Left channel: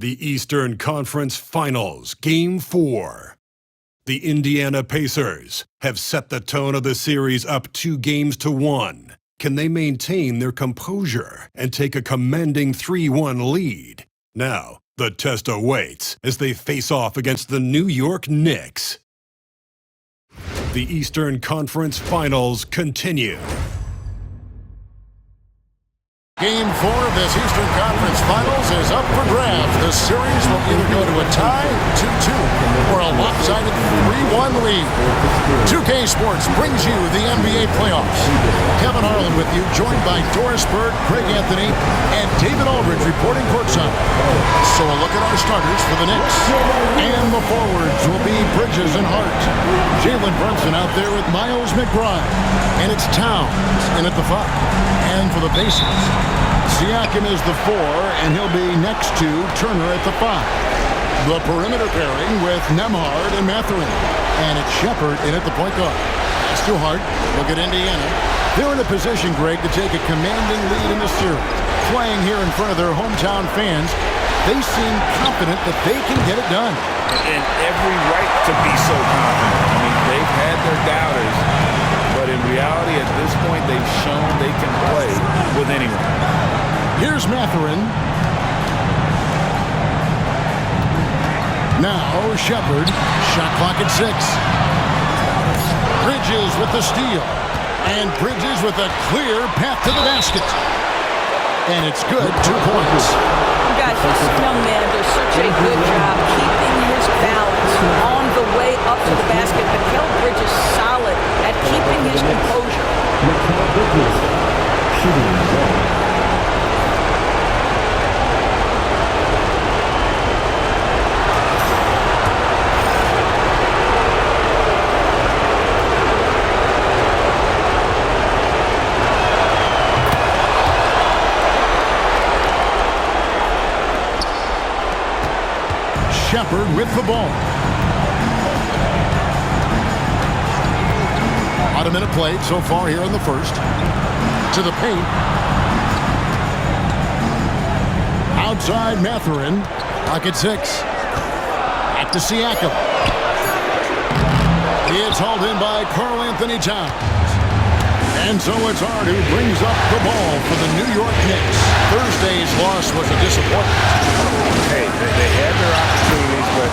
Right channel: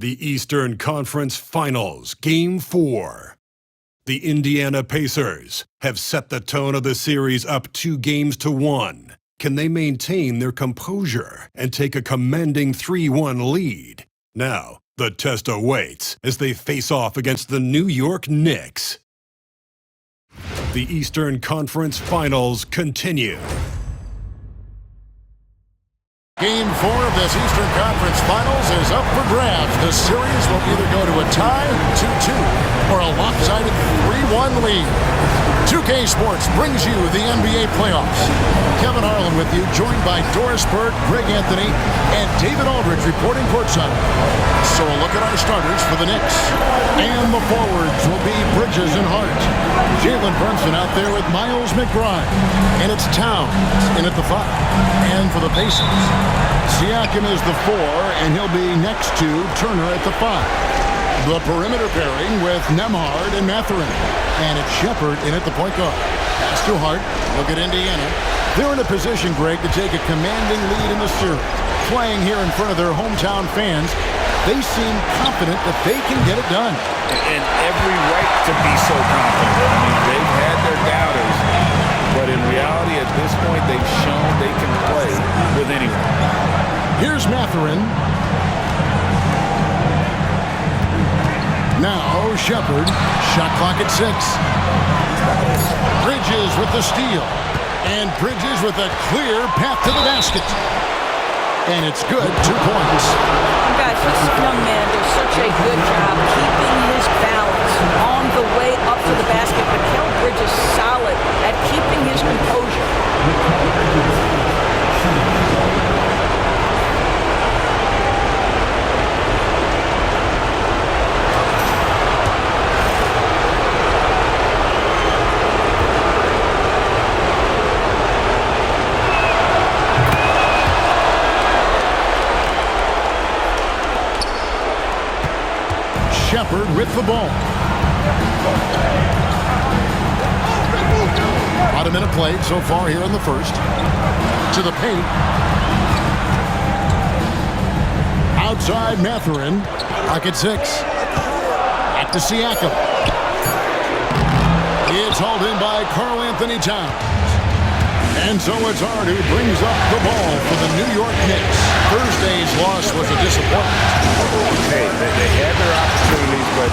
The Eastern Conference Finals, Game 4. The Indiana Pacers have set the tone of the series up 2-1. Can they maintain their composure and take a commanding 3-1 lead? Now, the test awaits as they face off against the New York Knicks. The Eastern Conference Finals continue. Game 4 of this Eastern Conference Finals is up for grabs. The series will either go to a tie, 2-2, or a lopsided 3-1 lead. 2K Sports brings you the NBA playoffs. Kevin Harlan with you, joined by Doris Bird, Greg Anthony, and David Aldridge reporting courtside. So a look at our starters for the Knicks. And the forwards will be Bridges and Hart. Jalen Brunson out there with Miles McBride. And it's Towns in at the 5. And for the Pacers, Siakam is the 4, and he'll be next to Turner at the 5. The perimeter pairing with Nembhard and Mathurin. And it's Shepard in at the point guard. Pass to Hart. Look at Indiana. They're in a position, Greg, to take a commanding lead in the series. Playing here in front of their hometown fans, they seem confident that they can get it done. And every right to be so confident. I mean, they've had their doubters, but in reality, at this point, they've shown they can play with anyone. Here's Mathurin. Now Shepard. Shot clock at 6. Bridges with the steal. And Bridges with a clear path to the basket. And it's good, 2 points. Guys, this young man does such a good job keeping his balance on the way up to the basket. Mikal Bridges solid at keeping his composure. Shepard with the ball. About a minute played so far here in the first. To the paint. Outside Mathurin. Clock at 6. Back to Siakam. It's hauled in by Karl Anthony Towns. And so it's Hart who brings up the ball for the New York Knicks. Thursday's loss was a disappointment. Hey, they had their opportunities, but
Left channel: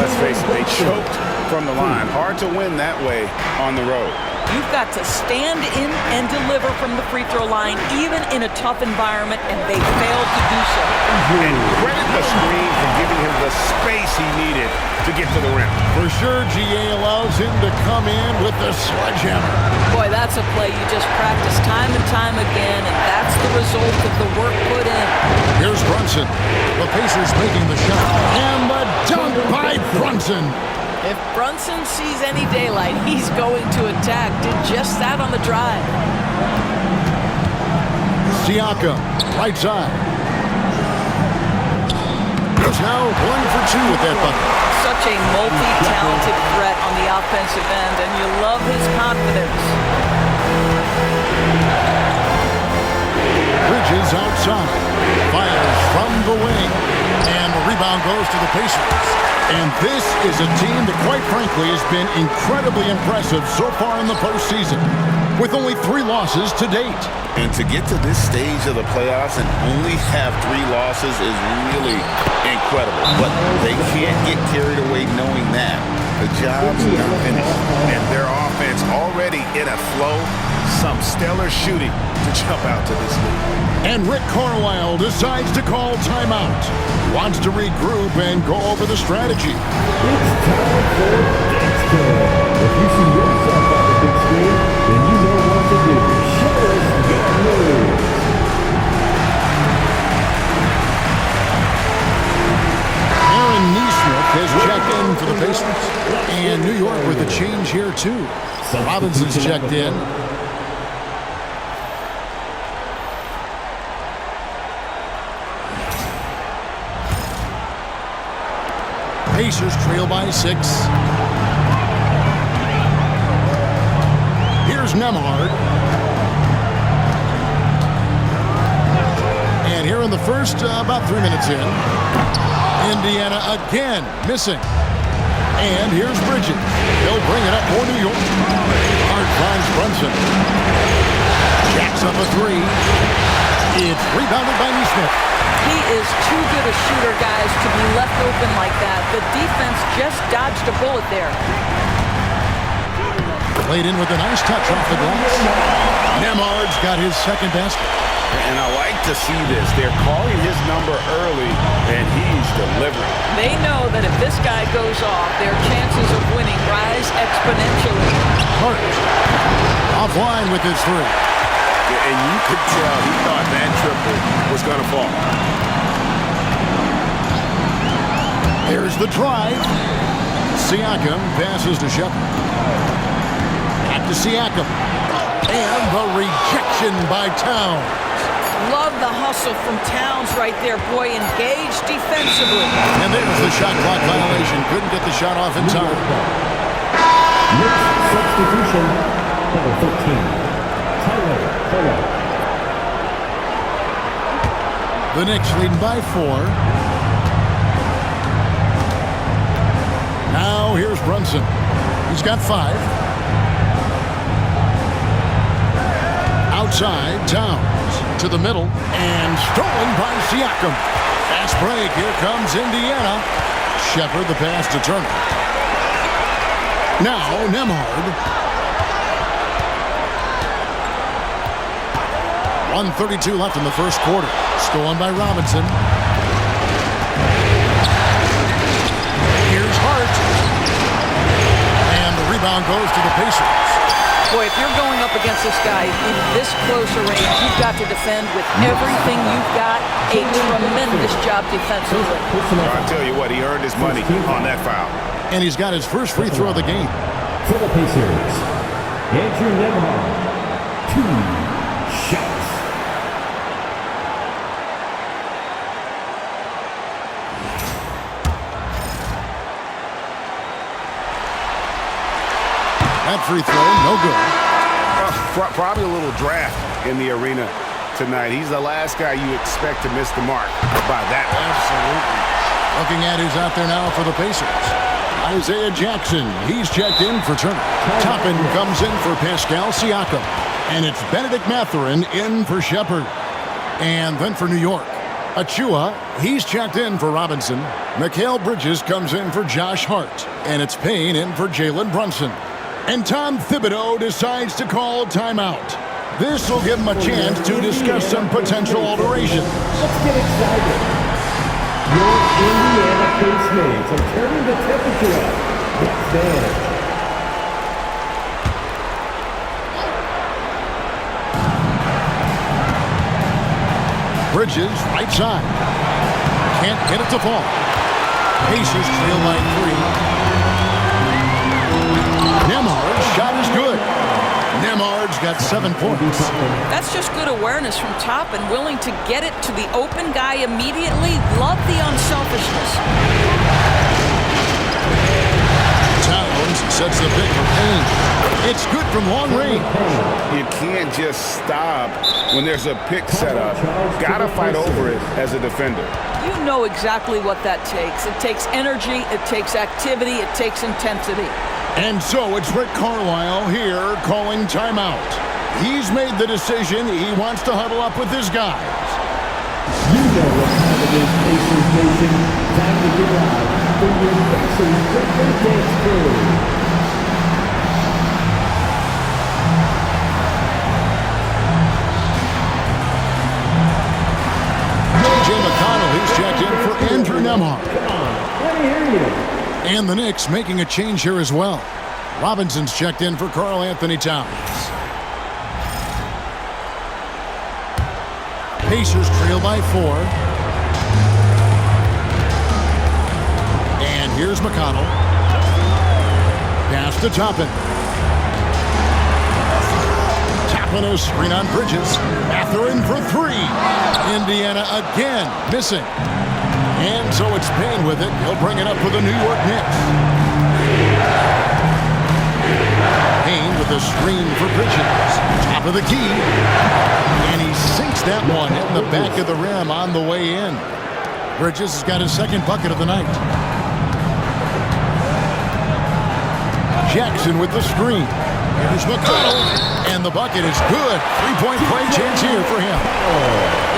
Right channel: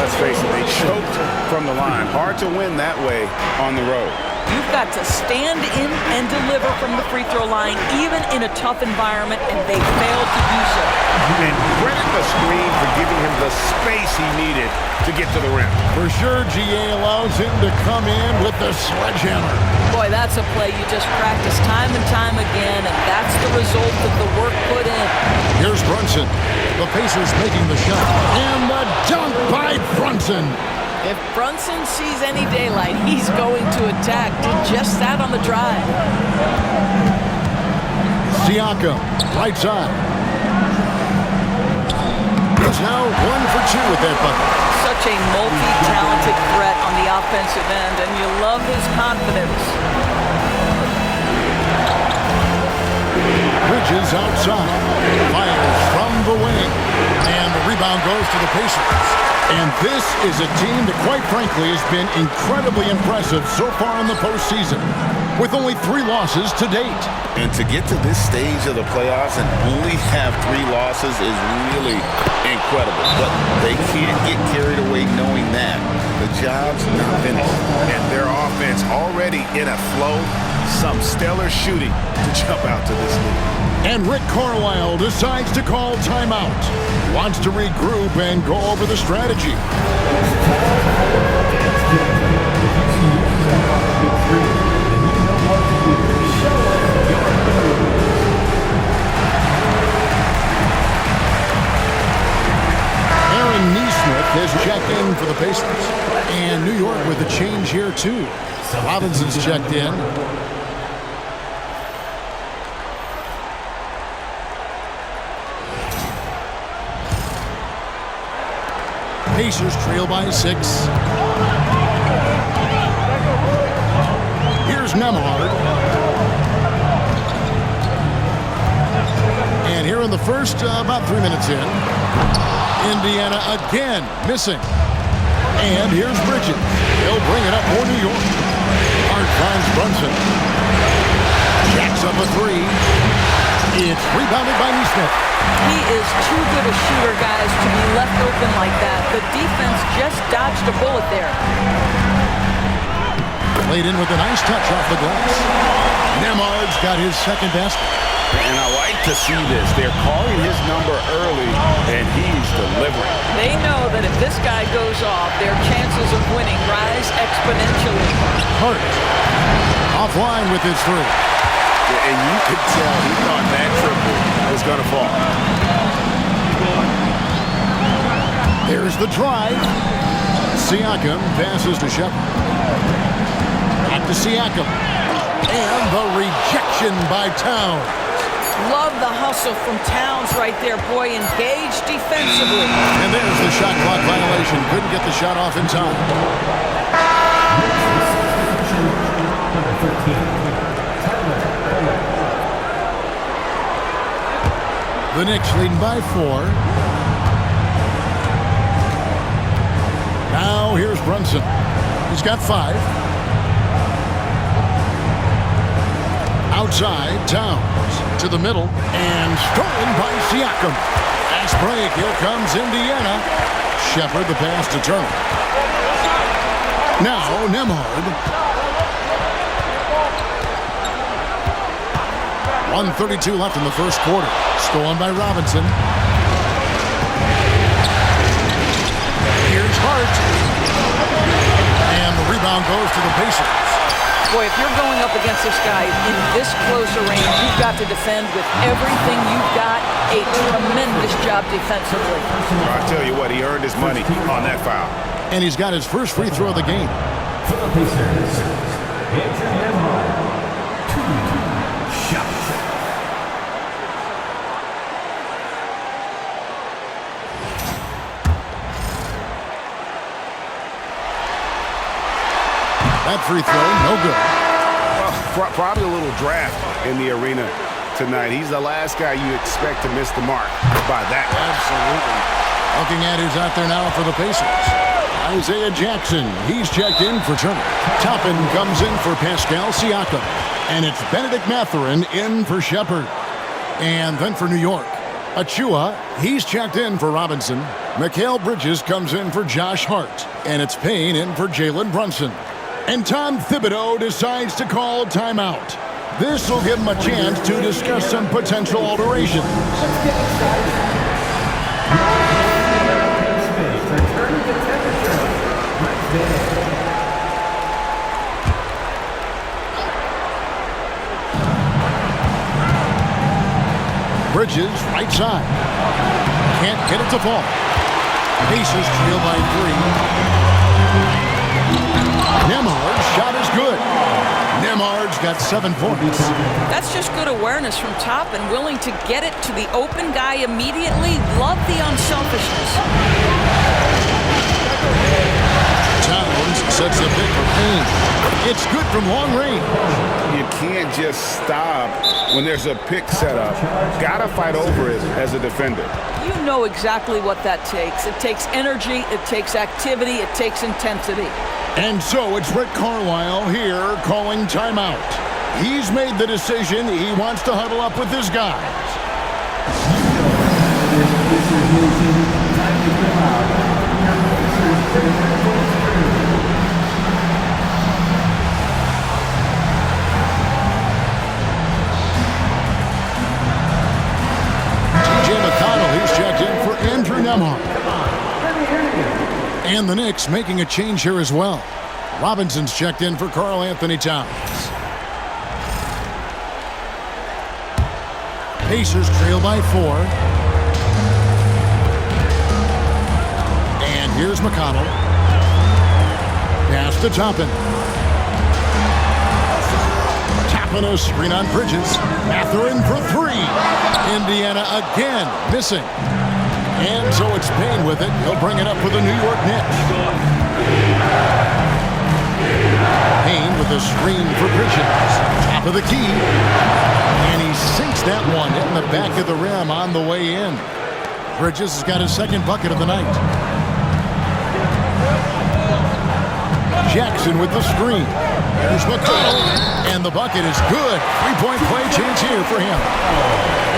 let's face it, they choked from the line. Hard to win that way on the road. You've got to stand in and deliver from the free throw line, even in a tough environment, and they failed to do so. And credit the screen for giving him the space he needed to get to the rim. For sure, GA allows him to come in with the sledgehammer. Boy, that's a play you just practice time and time again, and that's the result of the work put in. Here's Brunson. The Pacers making the shot. And the dunk by Brunson. If Brunson sees any daylight, he's going to attack. Did just that on the drive. Siakam, right side. He's now 1 for 2 with that bucket. Such a multi-talented threat on the offensive end, and you love his confidence. Bridges outside. Fires from the wing. And the rebound goes to the Pacers. And this is a team that, quite frankly, has been incredibly impressive so far in the postseason, with only 3 losses to date. And to get to this stage of the playoffs and only have 3 losses is really incredible. But they can't get carried away knowing that the job's not finished. And their offense already in a flow, some stellar shooting to jump out to this lead. And Rick Carlisle decides to call timeout. He wants to regroup and go over the strategy. It's time for the next game. If you see yourself on the big screen, then you know what to do. Show us your moves. Aaron Nesmith has checked in for the Pacers. And New York with a change here, too. Robinson's checked in. Pacers trail by 6. Here's Nembhard. And here in the first, about 3 minutes in, Indiana again missing. And here's Bridges. He'll bring it up for New York. Hart finds Brunson. Jacks up a three. It's rebounded by Neesmith. He is too good a shooter, guys, to be left open like that. The defense just dodged a bullet there. Played in with a nice touch off the glass. Nemhard's got his second basket. And I like to see this. They're calling his number early, and he's delivering. They know that if this guy goes off, their chances of winning rise exponentially. Hart offline with his three. And you could tell he thought that triple was going to fall. There's the drive. Siakam passes to Shepard. Back to Siakam. And the rejection by Towns. Love the hustle from Towns right there. Boy, engaged defensively. And there's the shot clock violation. Couldn't get the shot off in time. Knicks substitution, number 13. The Knicks leading by 4. Now here's Brunson. He's got 5. Outside, Towns to the middle and stolen by Siakam. Fast break. Here comes Indiana. Shepard the pass to Turner. Now Nemhard. 1:32 left in the first quarter. Stolen by Robinson. Here's Hart. And the rebound goes to the Pacers. Boy, if you're going up against this guy in this close a range, you've got to defend with everything you've got. A tremendous job defensively. I'll tell you what, he earned his money on that foul. And he's got his first free throw of the game. For the Pacers, Andrew Nemhard, 2 shots. That free throw, no good. Well, probably a little draft in the arena tonight. He's the last guy you expect to miss the mark by that much. Absolutely. Looking at who's out there now for the Pacers. Isaiah Jackson, he's checked in for Turner. Toppin comes in for Pascal Siakam. And it's Benedict Mathurin in for Shepard. And then for New York, Achua, he's checked in for Robinson. Mikal Bridges comes in for Josh Hart. And it's Payne in for Jalen Brunson. And Tom Thibodeau decides to call timeout. This will give him a chance to discuss some potential alterations. Let's get excited. Your Indiana Pacemates are turning the temperature up. Let's dance. Bridges, right side. Can't get it to fall. Pacers trail by 3. Nemhard's shot is good. Nemhard's got 7 points. That's just good awareness from Toppin, willing to get it to the open guy immediately. Love the unselfishness. Towns sets the pick for Payne. It's good from long range. You can't just stop when there's a pick set up. Gotta fight over it as a defender. You know exactly what that takes. It takes energy, it takes activity, it takes intensity. And so it's Rick Carlisle here calling timeout. He's made the decision. He wants to huddle up with his guys. You know what time it is, Pacers Nation. Time to get out for your Pacers Premier Dance Crew. T.J. McConnell, he's checked in for Andrew Nemhard. Come on, let me hear you. And the Knicks making a change here as well. Robinson's checked in for Karl Anthony Towns. Pacers trail by 4. And here's McConnell. Pass to Toppin. Toppin a screen on Bridges. Mathurin for 3. Indiana again missing. And so it's Payne with it. He'll bring it up for the New York Knicks. Payne with a screen for Bridges. Top of the key. And he sinks that one, hitting the back of the rim on the way in. Bridges has got his second bucket of the night. Jackson with the screen. Here's McConnell, and the bucket is good. Three-point play chance here for him.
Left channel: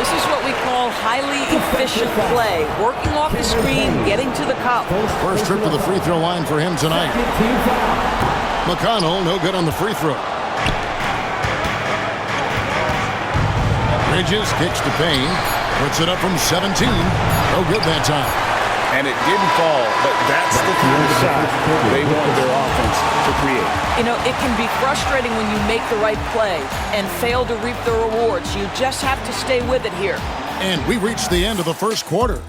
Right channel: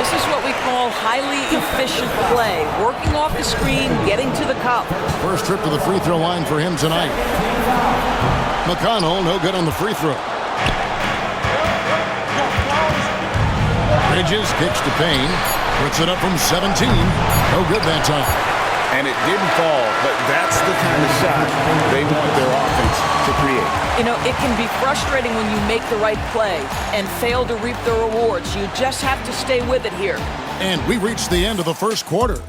This is what we call highly efficient play. Working off the screen, getting to the cup. First trip to the free throw line for him tonight. McConnell, no good on the free throw. Bridges kicks to Payne. Puts it up from 17. No good that time. And it didn't fall, but that's the kind of shot they want their offense to create. You know, it can be frustrating when you make the right play and fail to reap the rewards. You just have to stay with it here. And we reached the end of the first quarter.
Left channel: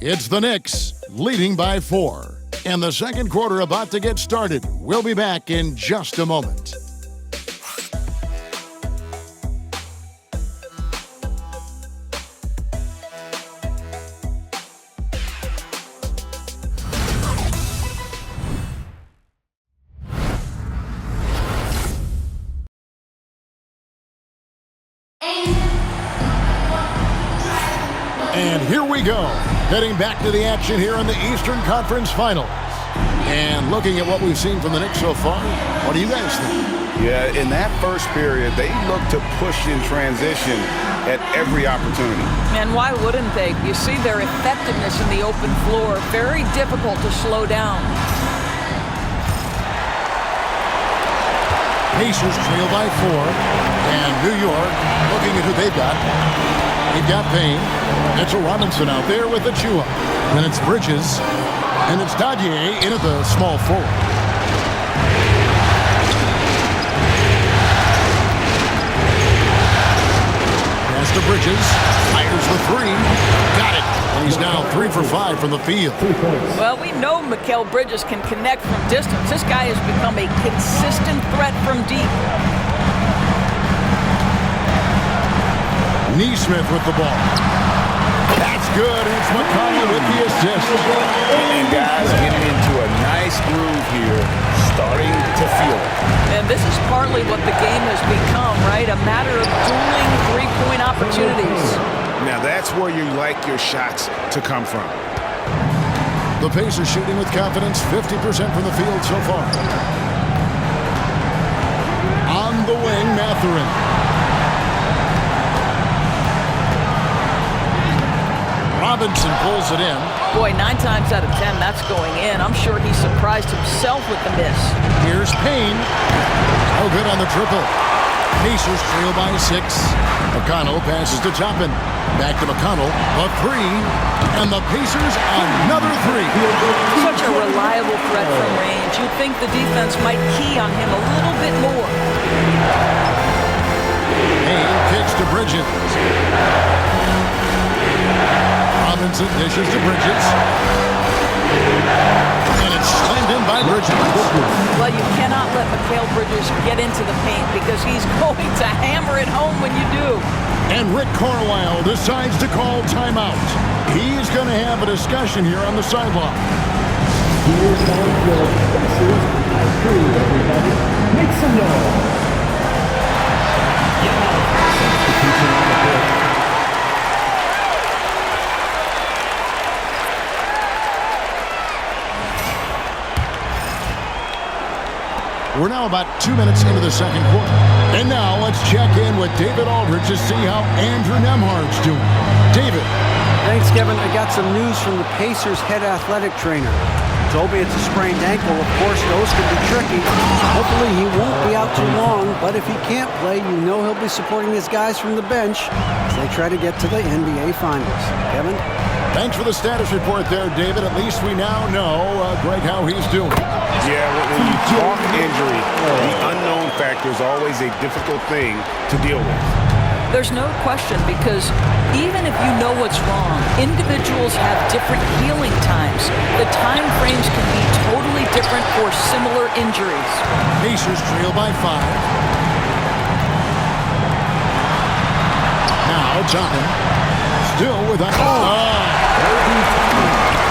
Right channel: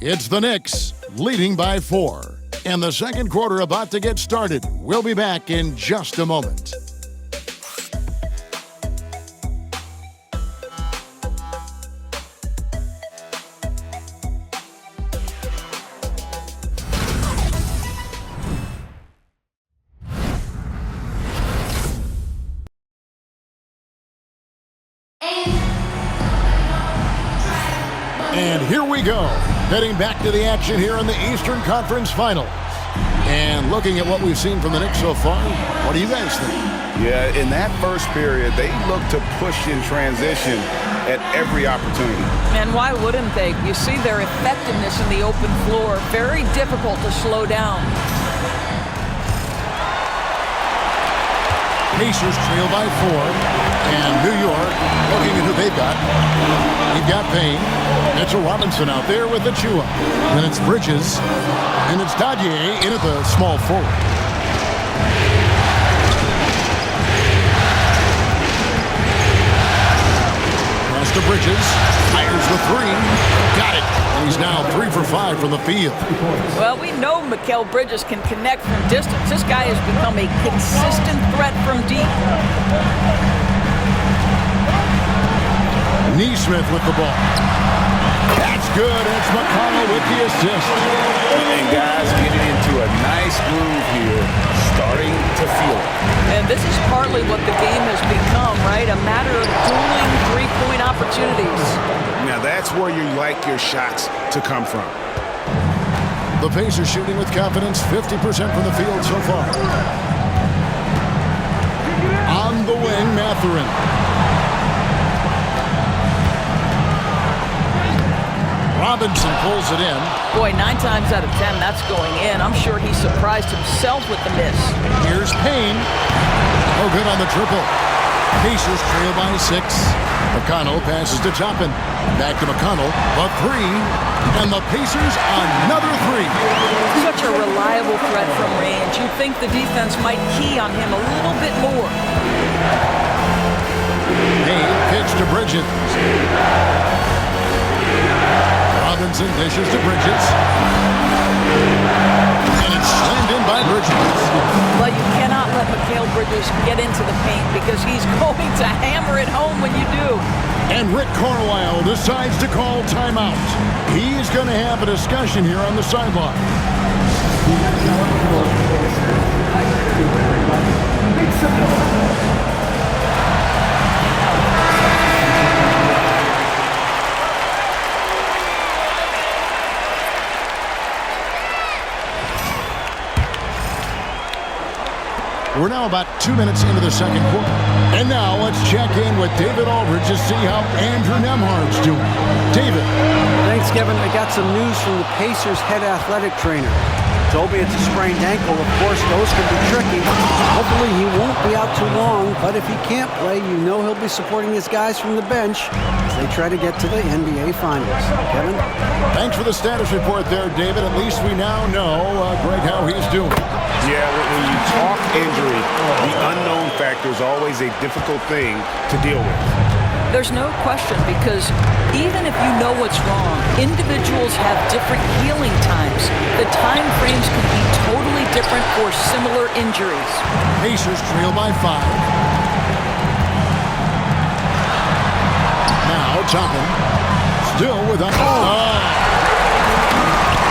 It's the Knicks leading by 4. And the second quarter about to get started. We'll be back in just a moment. And here we go, heading back to the action here in the Eastern Conference Finals. And looking at what we've seen from the Knicks so far, what do you guys think? Yeah, in that first period, they looked to push in transition at every opportunity. And why wouldn't they? You see their effectiveness in the open floor. Very difficult to slow down. Pacers trail by 4. And New York looking at who they've got. They've got Payne. Mitchell Robinson out there with Achua. Then it's Bridges. And it's Dadier in at the small forward. Pass to Bridges. Fires the three. Got it. And he's now 3 for 5 from the field. Well, we know Mikal Bridges can connect from distance. This guy has become a consistent threat from deep. Neesmith with the ball. That's good, and it's McConnell with the assist. And guys getting into a nice groove here, starting to feel it. And this is partly what the game has become, right? A matter of dueling three-point opportunities. Now that's where you like your shots to come from. The Pacers shooting with confidence, 50% from the field so far. On the wing, Mathurin. Robinson pulls it in. Boy, 9 times out of 10, that's going in. I'm sure he surprised himself with the miss. Here's Payne. No good on the triple. Pacers trail by 6. McConnell passes to Toppin. Back to McConnell. The 3. And the Pacers another 3. Such a reliable threat from range. You'd think the defense might key on him a little bit more. Payne kicks to Bridges. Robinson dishes to Bridges. And it's slammed in by Bridges. Well, you cannot let Mikal Bridges get into the paint because he's going to hammer it home when you do. And Rick Carlisle decides to call timeout. He's going to have a discussion here on the sideline. Here's how it feels, Pacers. I agree, everybody. Make some noise. We're now about 2 minutes into the second quarter. And now let's check in with David Aldridge to see how Andrew Nembhard's doing. David. Thanks, Kevin. I got some news from the Pacers head athletic trainer. He told me it's a sprained ankle. Of course, those can be tricky. Hopefully he won't be out too long, but if he can't play, you know he'll be supporting his guys from the bench as they try to get to the NBA Finals. Kevin? Thanks for the status report there, David. At least we now know, Greg, how he's doing. Yeah, when you talk injury, the unknown factor is always a difficult thing to deal with. There's no question because even if you know what's wrong, individuals have different healing times. The time frames can be totally different for similar injuries. Pacers trail by 5. Now Toppin still with a...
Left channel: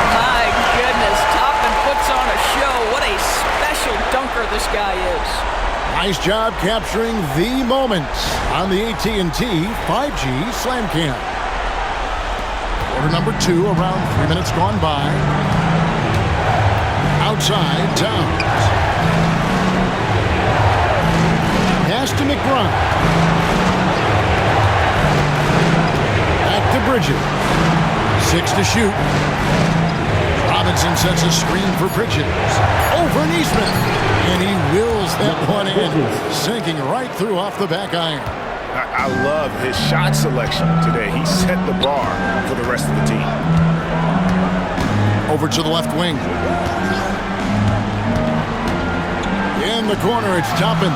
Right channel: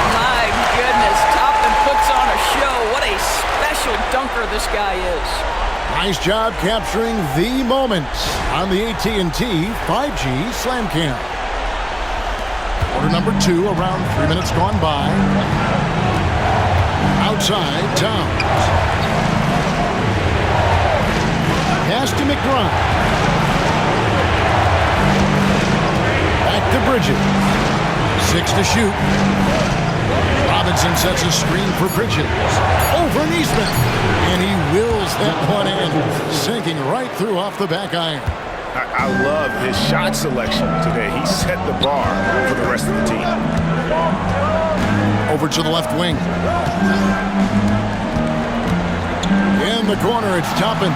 My goodness, Toppin puts on a show. What a special dunker this guy is. Nice job capturing the moment on the AT&T 5G Slam Cam. Quarter number 2, around 3 minutes gone by. Outside, Towns. Pass to McBride. Back to Bridges. 6 to shoot. Robinson sets a screen for Bridges. Over Neesmith. And he wills that one in. Sinking right through off the back iron. I love his shot selection today. He set the bar for the rest of the team. Over to the left wing. In the corner, it's Toppin.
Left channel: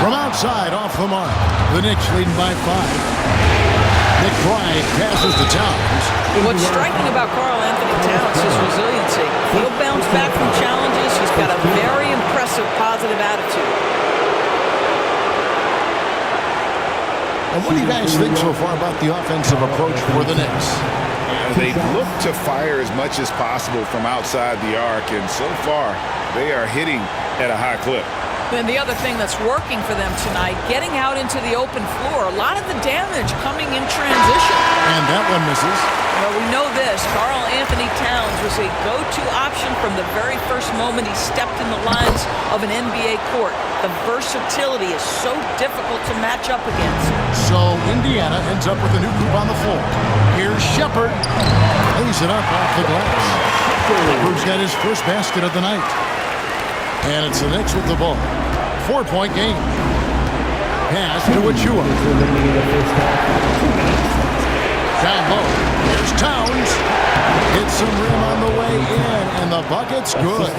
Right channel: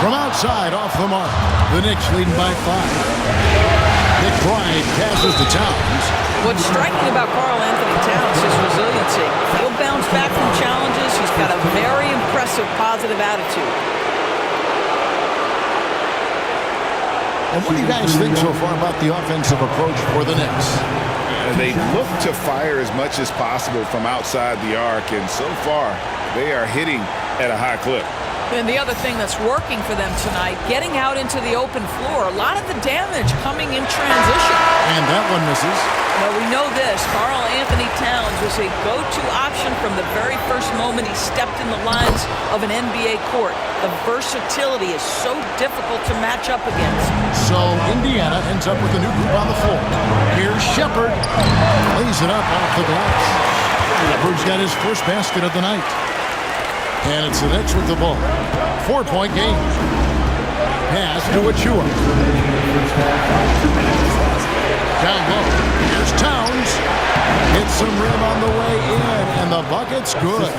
From outside, off the mark. The Knicks leading by 5. McBride passes to Towns. What's striking about Karl Anthony Towns is his resiliency. He'll bounce back from challenges. He's got a very impressive positive attitude. And what do you guys think so far about the offensive approach for the Knicks? They look to fire as much as possible from outside the arc, and so far they are hitting at a high clip. And the other thing that's working for them tonight, getting out into the open floor, a lot of the damage coming in transition. And that one misses. Well, we know this. Karl Anthony Towns was a go-to option from the very first moment he stepped in the lines of an NBA court. The versatility is so difficult to match up against. So Indiana ends up with a new group on the floor. Here's Shepard. Lays it up off the glass. Shepard's got his first basket of the night. And it's the Knicks with the ball. 4-point game. Pass to Achua. Down low. Here's Towns. Hits some rim on the way in, and the bucket's good.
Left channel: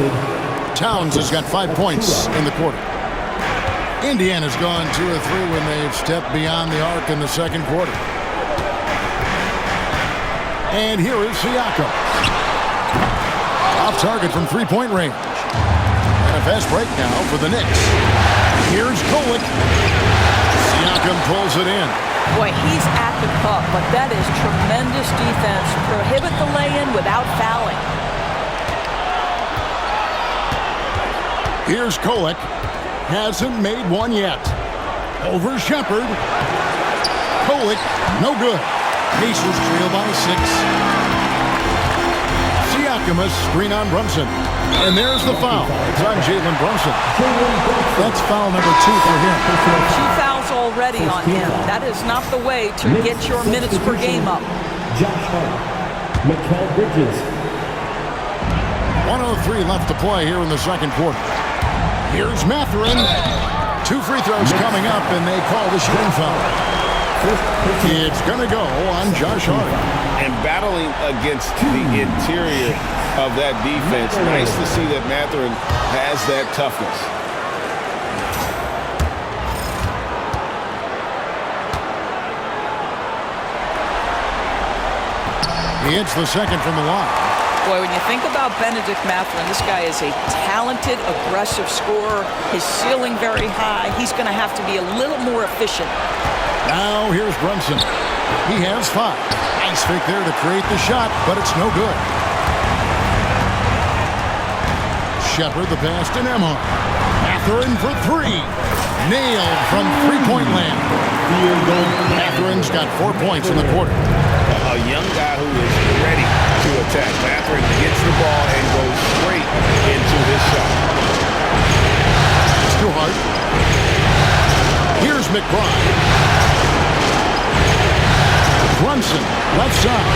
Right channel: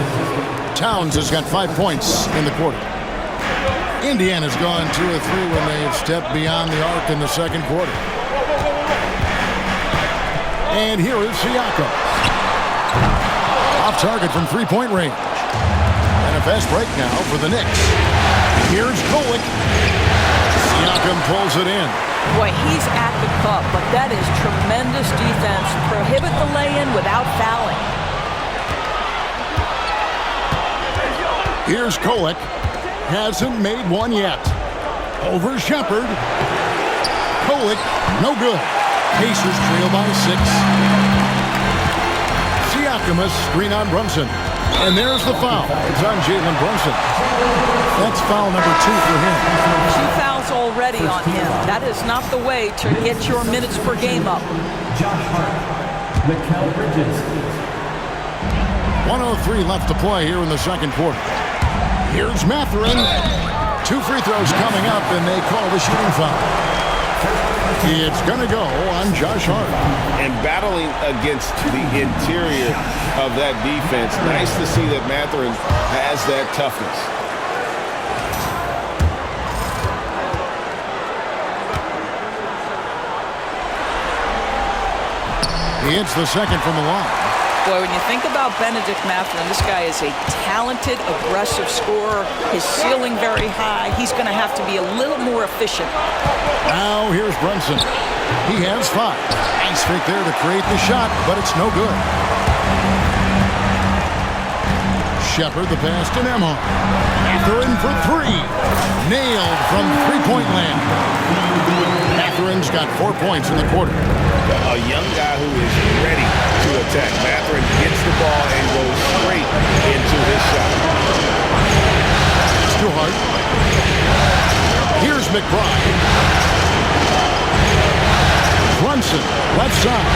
Towns has got 5 points in the quarter. Indiana's gone 2 of 3 when they've stepped beyond the arc in the second quarter. And here is Siakam. Off target from 3-point range. And a fast break now for the Knicks. Here's Golick. Siakam pulls it in. Boy, he's at the cup, but that is tremendous defense. Prohibit the lay-in without fouling. Here's Golick. Hasn't made one yet. Over Shepard. Golick, no good. Pacers trail by 6. Siakam a screen on Brunson. And there's the foul. It's on Jalen Brunson. That's foul number 2 for him. 2 fouls already on him. That is not the way to get your minutes per game up. Josh Hart, Mikal Bridges. 1:03 left to play here in the second quarter. Here's Mathurin. 2 free throws coming up, and they call the shooting foul. It's going to go on Josh Hart. And battling against the interior of that defense, nice to see that Mathurin has that toughness. He hits the second from the line. Boy, when you think about Benedict Mathurin, this guy is a talented, aggressive scorer. His ceiling very high. He's going to have to be a little more efficient. Now here's Brunson. He has 5. Nice fake there to create the shot, but it's no good. Shepard the pass to Nembhard. Mathurin for 3. Nailed from 3-point land. Mathurin's got 4 points in the quarter. A young guy who is ready to attack. Mathurin gets the ball and goes straight into his shot. It's too hard. Here's McBride. Brunson, left side.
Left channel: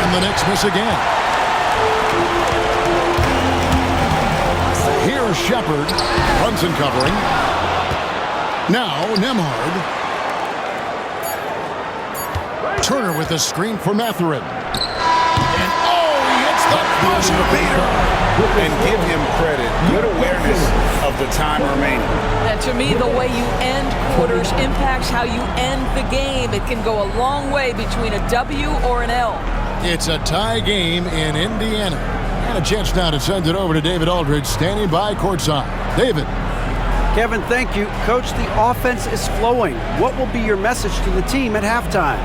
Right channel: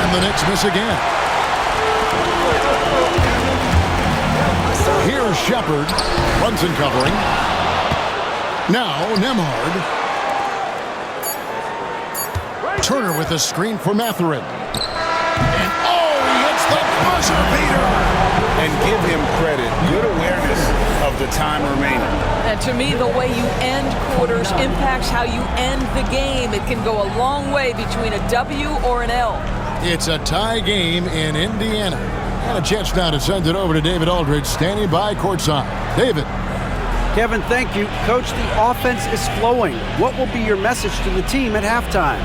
And the Knicks miss again. Here's Shepard. Brunson covering. Now Nembhard. Turner with a screen for Mathurin. And he hits the buzzer beater. And give him credit. Good awareness of the time remaining. And to me, the way you end quarters impacts how you end the game. It can go a long way between a W or an L. It's a tie game in Indiana. And a chance now to send it over to David Aldridge, standing by courtside. David. Kevin, thank you. Coach, the offense is flowing. What will be your message to the team at halftime?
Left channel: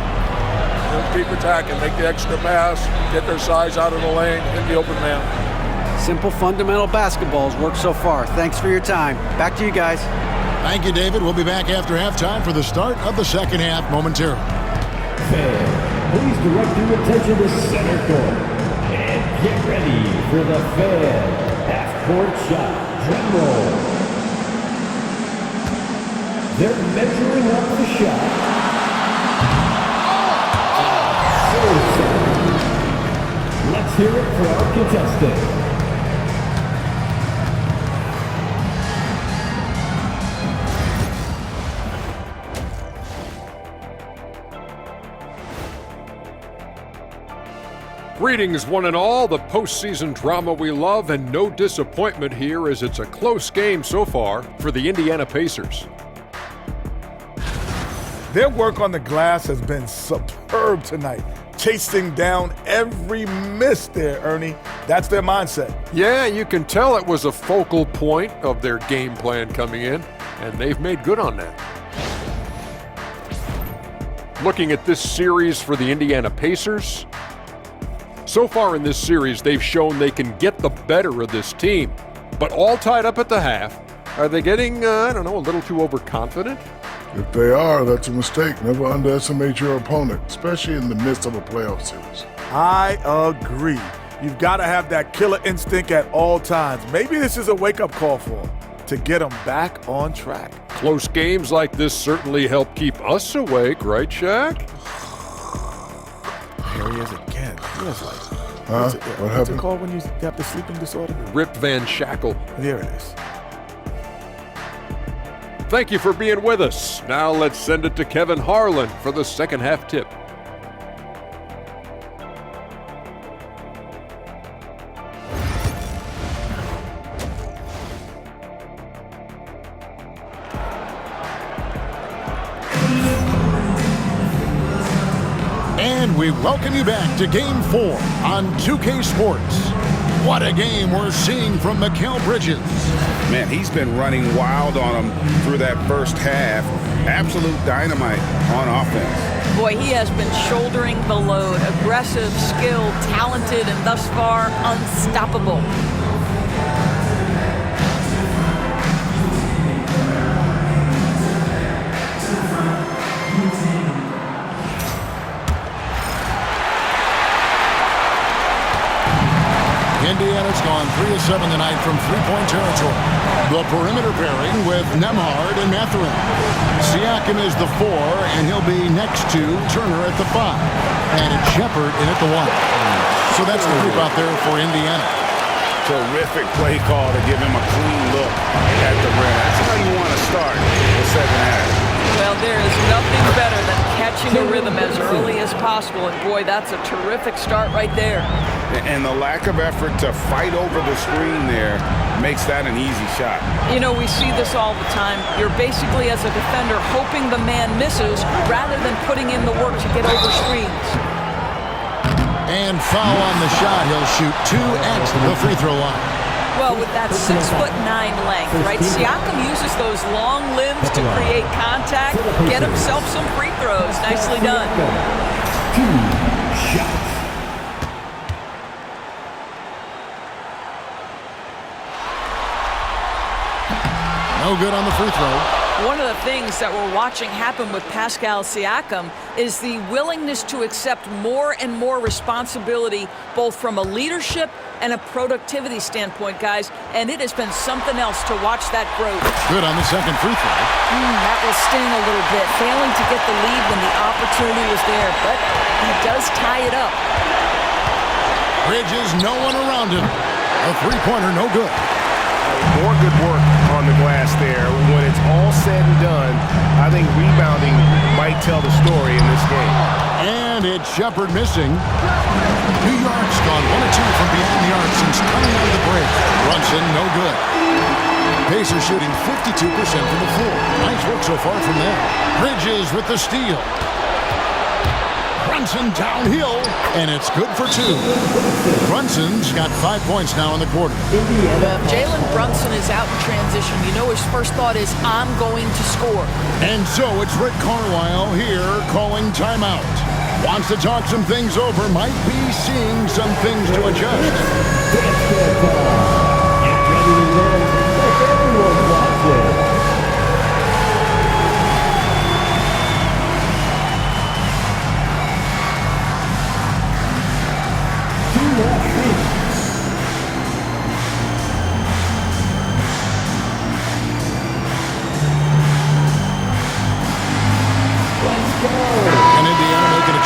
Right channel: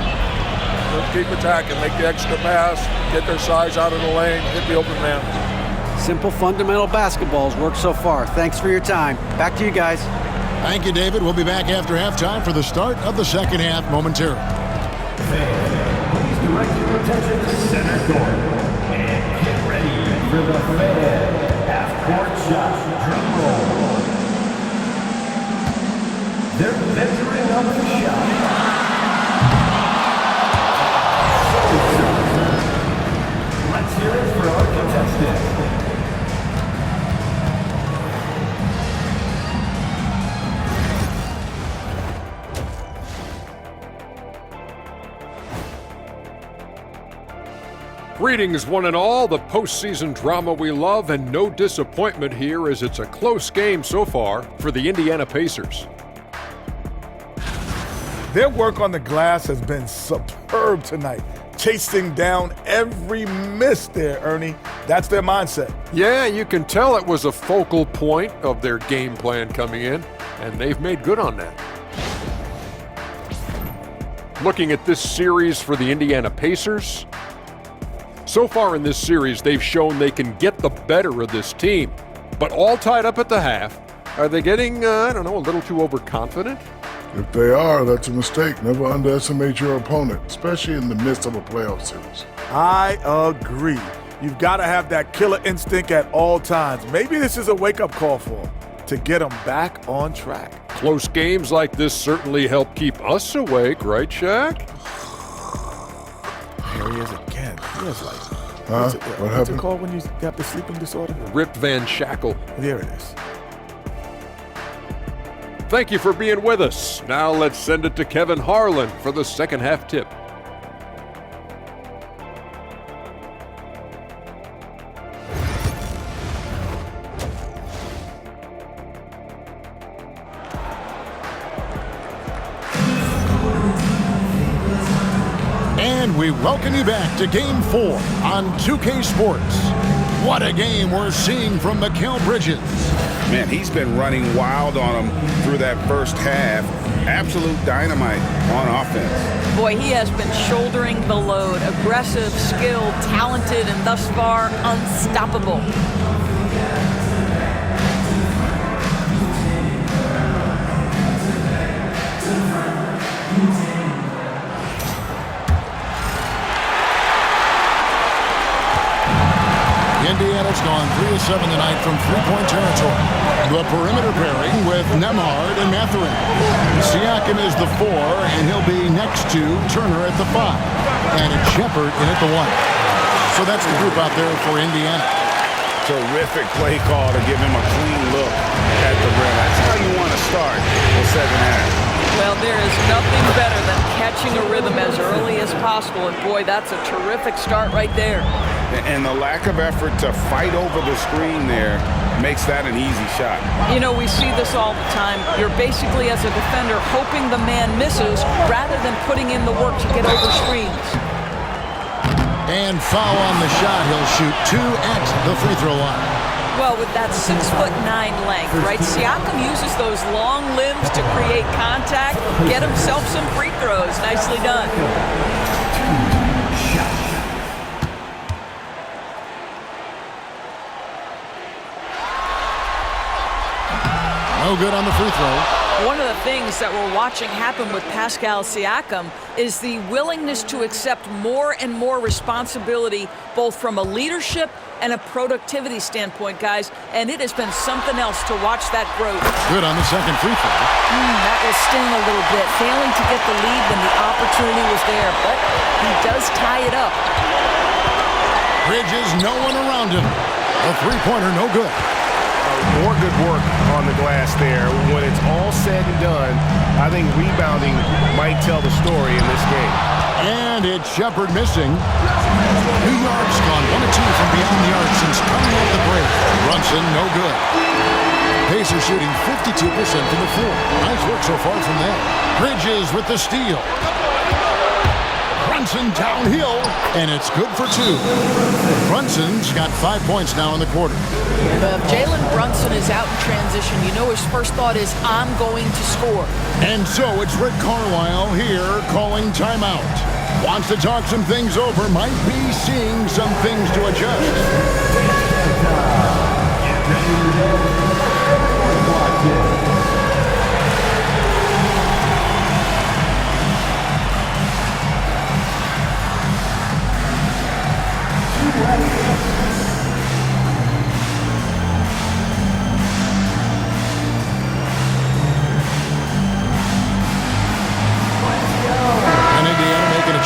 Just keep attacking, make the extra pass, get their size out of the lane, hit the open man. Simple fundamental basketball's worked so far. Thanks for your time. Back to you guys. Thank you, David. We'll be back after halftime for the start of the second half momentarily. please direct your attention to center court. And get ready for the fan half-court shot. Drum roll. They're measuring up the shot. Let's hear it for our contestant. Greetings, one and all, the postseason drama we love, and no disappointment here as it's a close game so far for the Indiana Pacers. Their work on the glass has been superb tonight, chasing down every miss there, Ernie. That's their mindset. Yeah, you can tell it was a focal point of their game plan coming in, and they've made good on that. Looking at this series for the Indiana Pacers, so far in this series, they've shown they can get the better of this team, but all tied up at the half. Are they getting, a little too overconfident? If they are, that's a mistake. Never underestimate your opponent, especially in the midst of a playoff series. I agree. You've got to have that killer instinct at all times. Maybe this is a wake-up call for them to get them back on track. Close games like this certainly help keep us awake, right, Shaq? There he is again. He has like, What what's happened? it called when you have the sleeping disorder? Rip Van Shackle. There it is. Thank you for being with us. Now let's send it to Kevin Harlan for the second half tip. And we welcome you back to Game 4 on 2K Sports. What a game we're seeing from Mikal Bridges. Man, he's been running wild on him through that first half. Absolute dynamite on offense. Boy, he has been shouldering the load. Aggressive, skilled, talented, and thus far unstoppable. Indiana's gone 3 of 7 tonight from three-point territory. The perimeter pairing with Nembhard and Mathurin. Siakam is the 4, and he'll be next to Turner at the 5. And it's Shepherd in at the 1. So that's the group out there for Indiana. Terrific play call to give him a clean look at the rim. That's how you want to start the second half. Well, there is nothing better than catching a rhythm as early as possible. And boy, that's a terrific start right there. And the lack of effort to fight over the screen there makes that an easy shot. You know, we see this all the time. You're basically, as a defender, hoping the man misses rather than putting in the work to get over screens. And foul on the shot. He'll shoot 2 at the free throw line. Well, with that 6'9" length, right? Siakam uses those long limbs to create contact, get himself some free throws. Nicely done. No good on the free throw. One of the things that we're watching happen with Pascal Siakam is the willingness to accept more and more responsibility, both from a leadership and a productivity standpoint, guys. And it has been something else to watch that growth. Good on the second free throw. That will sting a little bit, failing to get the lead when the opportunity was there. But he does tie it up. Bridges, no one around him. A three-pointer, no good. More good work on the glass there. When it's all said and done, I think rebounding might tell the story in this game. And it's Shepherd missing. New York's gone 1 of 2 from beyond the arc since coming out of the break. Brunson, no good. Pacers shooting 52% from the floor. Nice work so far from them. Bridges with the steal. Brunson downhill, and it's good for 2. Brunson's got 5 points now in the quarter. If Jalen Brunson is out in transition, you know his first thought is, I'm going to score. And so it's Rick Carlisle here calling timeout. Wants to talk some things over, might be seeing some things to adjust. Everyone's watching.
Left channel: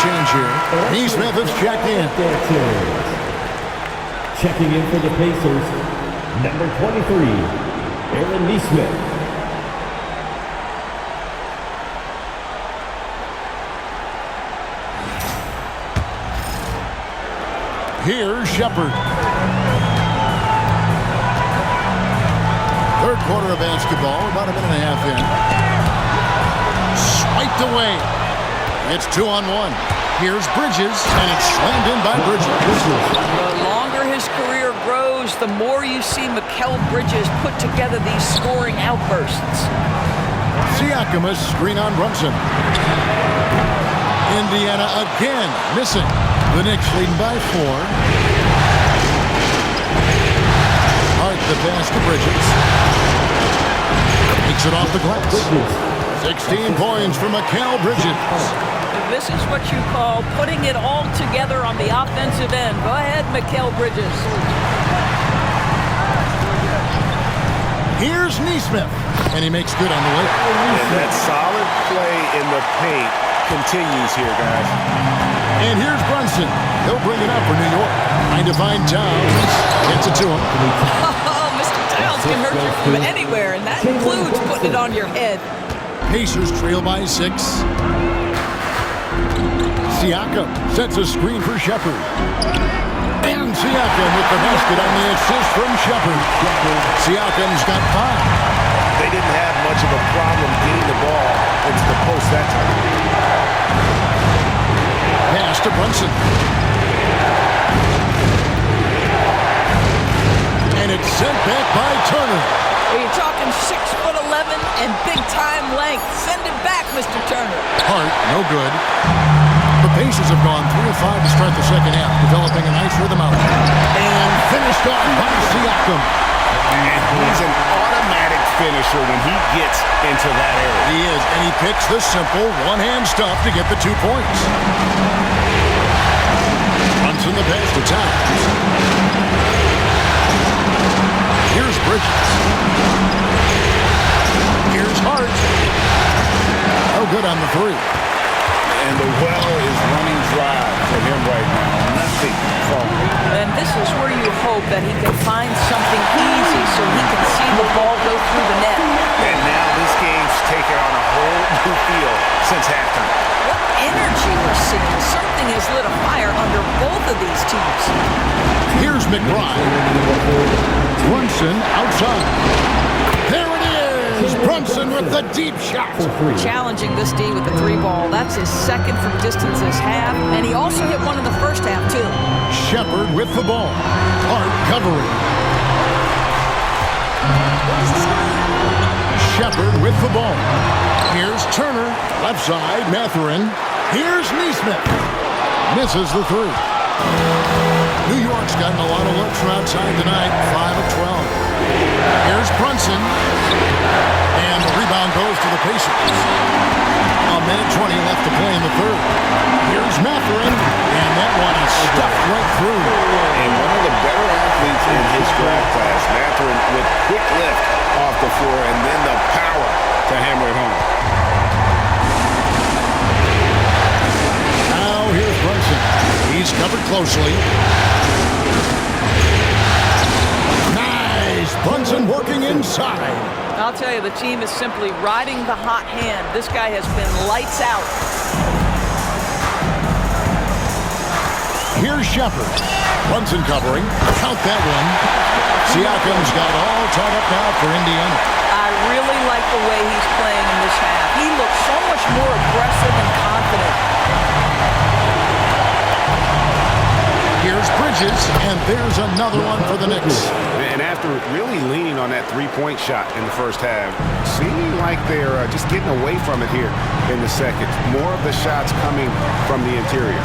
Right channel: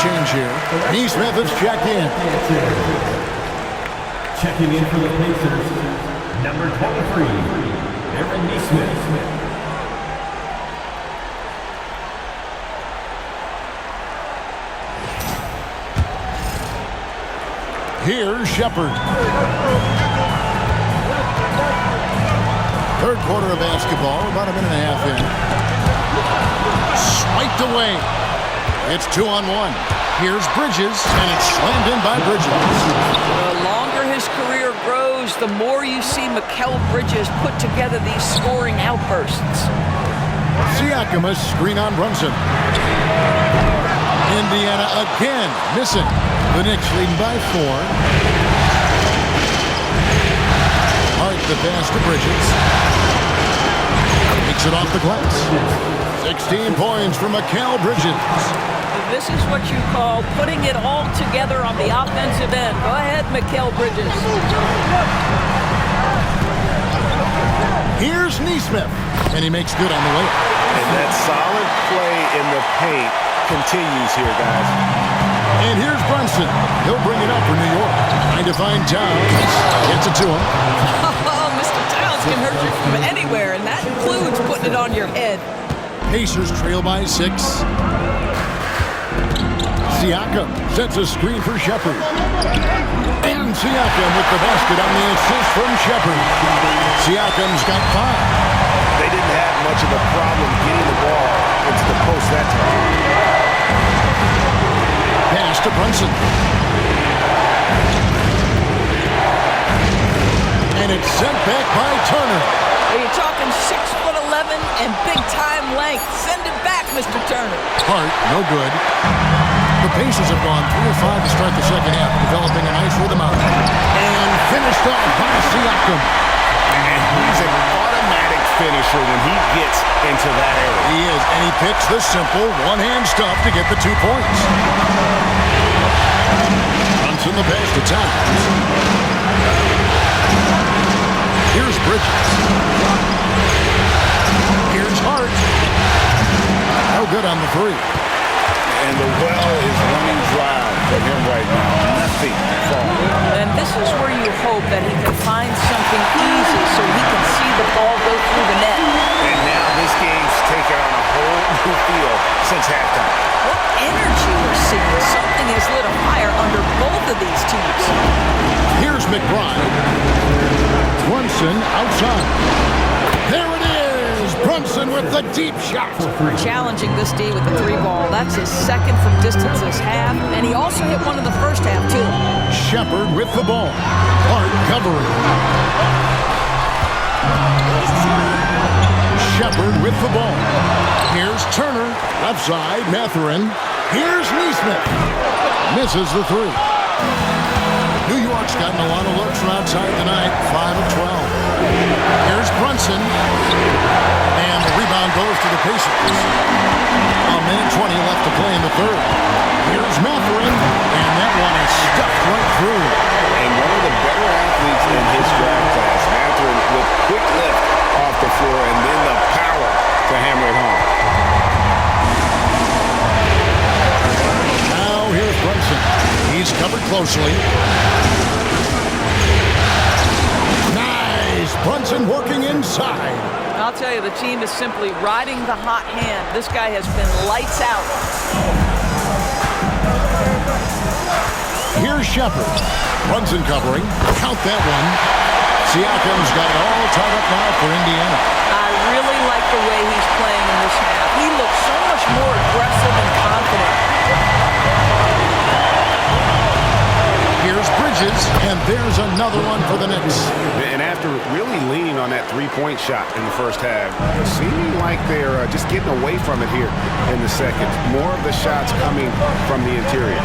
change here. Neesmith has checked in. Checking in for the Pacers, number 23, Aaron Neesmith. Here's Shepard. Third quarter of basketball, about a minute and a half in. Swiped away. It's 2-on-1. Here's Bridges, and it's slammed in by Bridges. The longer his career grows, the more you see Mikal Bridges put together these scoring outbursts. Siakam, a screen on Brunson. Indiana again missing. The Knicks leading by 4. Hart the pass to Bridges. Takes it off the glass. 16 points for Mikal Bridges. This is what you call putting it all together on the offensive end. Go ahead, Mikal Bridges. Here's Neesmith, and he makes good on the way. And that solid play in the paint continues here, guys. And here's Brunson. He'll bring it up for New York. Trying to find Towns. Gets it to him. Oh, Mr. Towns can hurt you from anywhere, and that includes putting it on your head. Pacers trail by 6. Siakam sets a screen for Shepard. And Siakam with the basket on the assist from Shepard. Siakam's got 5. They didn't have much of a problem getting the ball into the post that time. Pass to Brunson. And it's sent back by Turner. You're talking 6'11" and big-time length. Send it back, Mr. Turner. Hart, no good. The Pacers have gone 3 of 5 to start the second half, developing a nice rhythm out. And finished off by Siakam. And he's an automatic finisher when he gets into that area. He is, and he picks the simple one-hand stuff to get the 2 points. Brunson the pass to Towns. Here's Bridges. Here's Hart. No good on the 3. And the well is running dry for him right now. Nothing falling. And this is where you hope that he can find something easy so he can see the ball go through the net. And now this game's taken on a whole new feel since halftime. What energy we're seeing. Something has lit a fire under both of these teams. Here's McBride. Brunson outside. There it is. Brunson with the deep shot. Challenging this D with the 3-ball. That's his second from distance this half. And he also hit one in the first half, too. Shepard with the ball. Hart covering. Shepard with the ball. Here's Turner. Left side, Mathurin. Here's Neesmith. Misses the 3. New York's gotten a lot of looks from outside tonight. 5 of 12. Here's Brunson. And the rebound goes to the Pacers. A minute 20 left to play in the third. Here's Mathurin. And that one is stuffed right through. And one of the better athletes in his draft class, Mathurin, with quick lift off the floor and then the power to hammer it home. Now here's Brunson. He's covered closely. Nice! Brunson working inside. I'll tell you, the team is simply riding the hot hand. This guy has been lights out. Here's Shepard. Brunson covering. Count that one. Siakam's got it all tied up now for Indiana. I really like the way he's playing in this half. He looks so much more aggressive and confident. Here's Bridges, and there's another one for the Knicks. And after really leaning on that three-point shot in the first half, seeming like they're just getting away from it here in the second. More of the shots coming from the interior.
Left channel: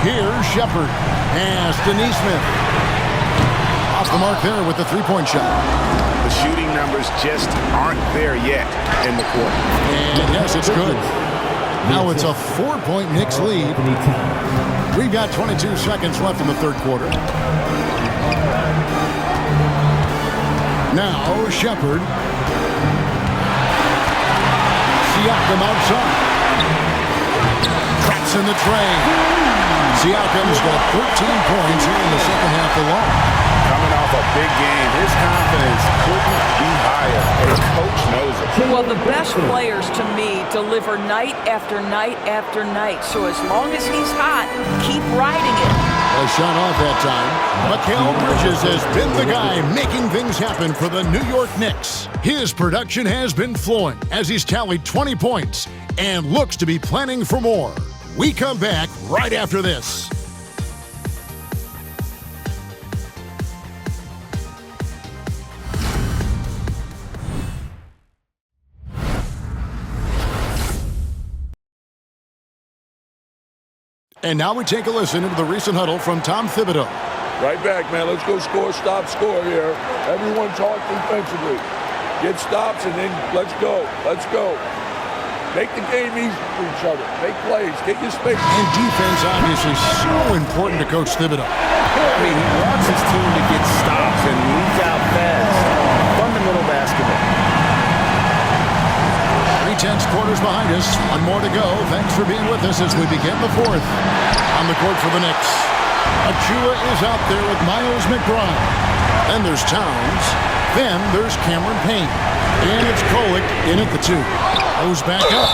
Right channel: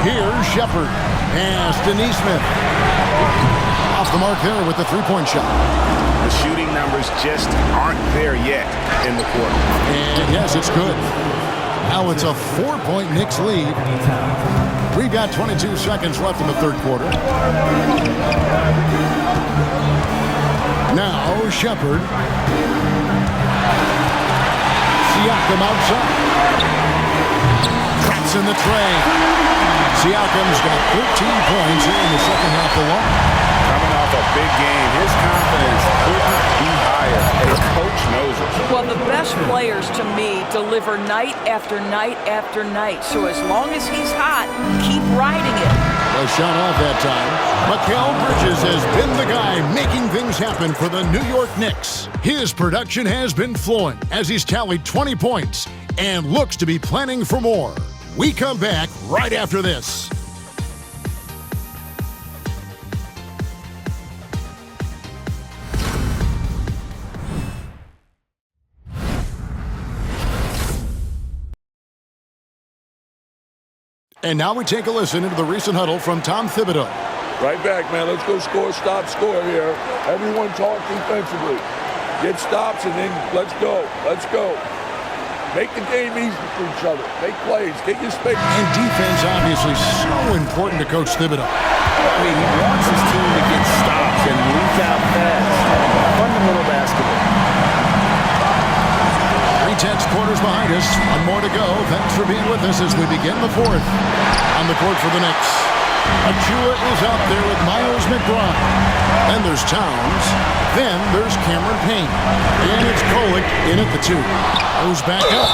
Here's Shepard. Pass to Neesmith. Off the mark there with the three-point shot. The shooting numbers just aren't there yet in the quarter. And yes, it's good. Now it's a 4-point Knicks lead. We've got 22 seconds left in the third quarter. Now Shepard. Siakam outside. Tracks It's in the tray. Siakam's got 13 points here in the second half alone. Coming off a big game, his confidence couldn't be higher, and coach knows it. Well, the best players, to me, deliver night after night after night. So as long as he's hot, keep riding it. A shot off that time. Mikal Bridges has been the guy making things happen for the New York Knicks. His production has been flowing as he's tallied 20 points and looks to be planning for more. We come back right after this. And now we take a listen into the recent huddle from Tom Thibodeau. Right back, man. Let's go score, stop, score here. Everyone talk defensively. Get stops, and then let's go. Let's go. Make the game easy for each other. Make plays. Get your space. And defense, obviously, so important to Coach Thibodeau. I mean, he wants his team to get stops and leak out fast. Fundamental basketball. 3/10 quarters behind us. One more to go. Thanks for being with us as we begin the fourth. On the court for the Knicks, Achua is out there with Miles McBride. Then there's Towns. Then there's Cameron Payne. And it's Kolek in at the 2. Goes back up.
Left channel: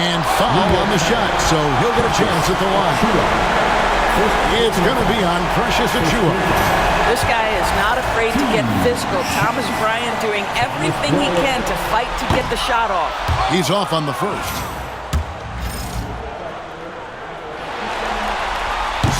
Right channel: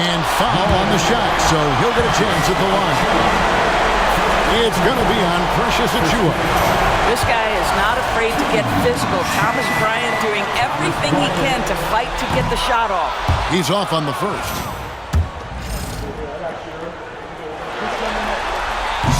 And foul on the shot, so he'll get a chance at the line. It's going to be on Precious Achua. This guy is not afraid to get physical. Thomas Bryant doing everything he can to fight to get the shot off. He's off on the first.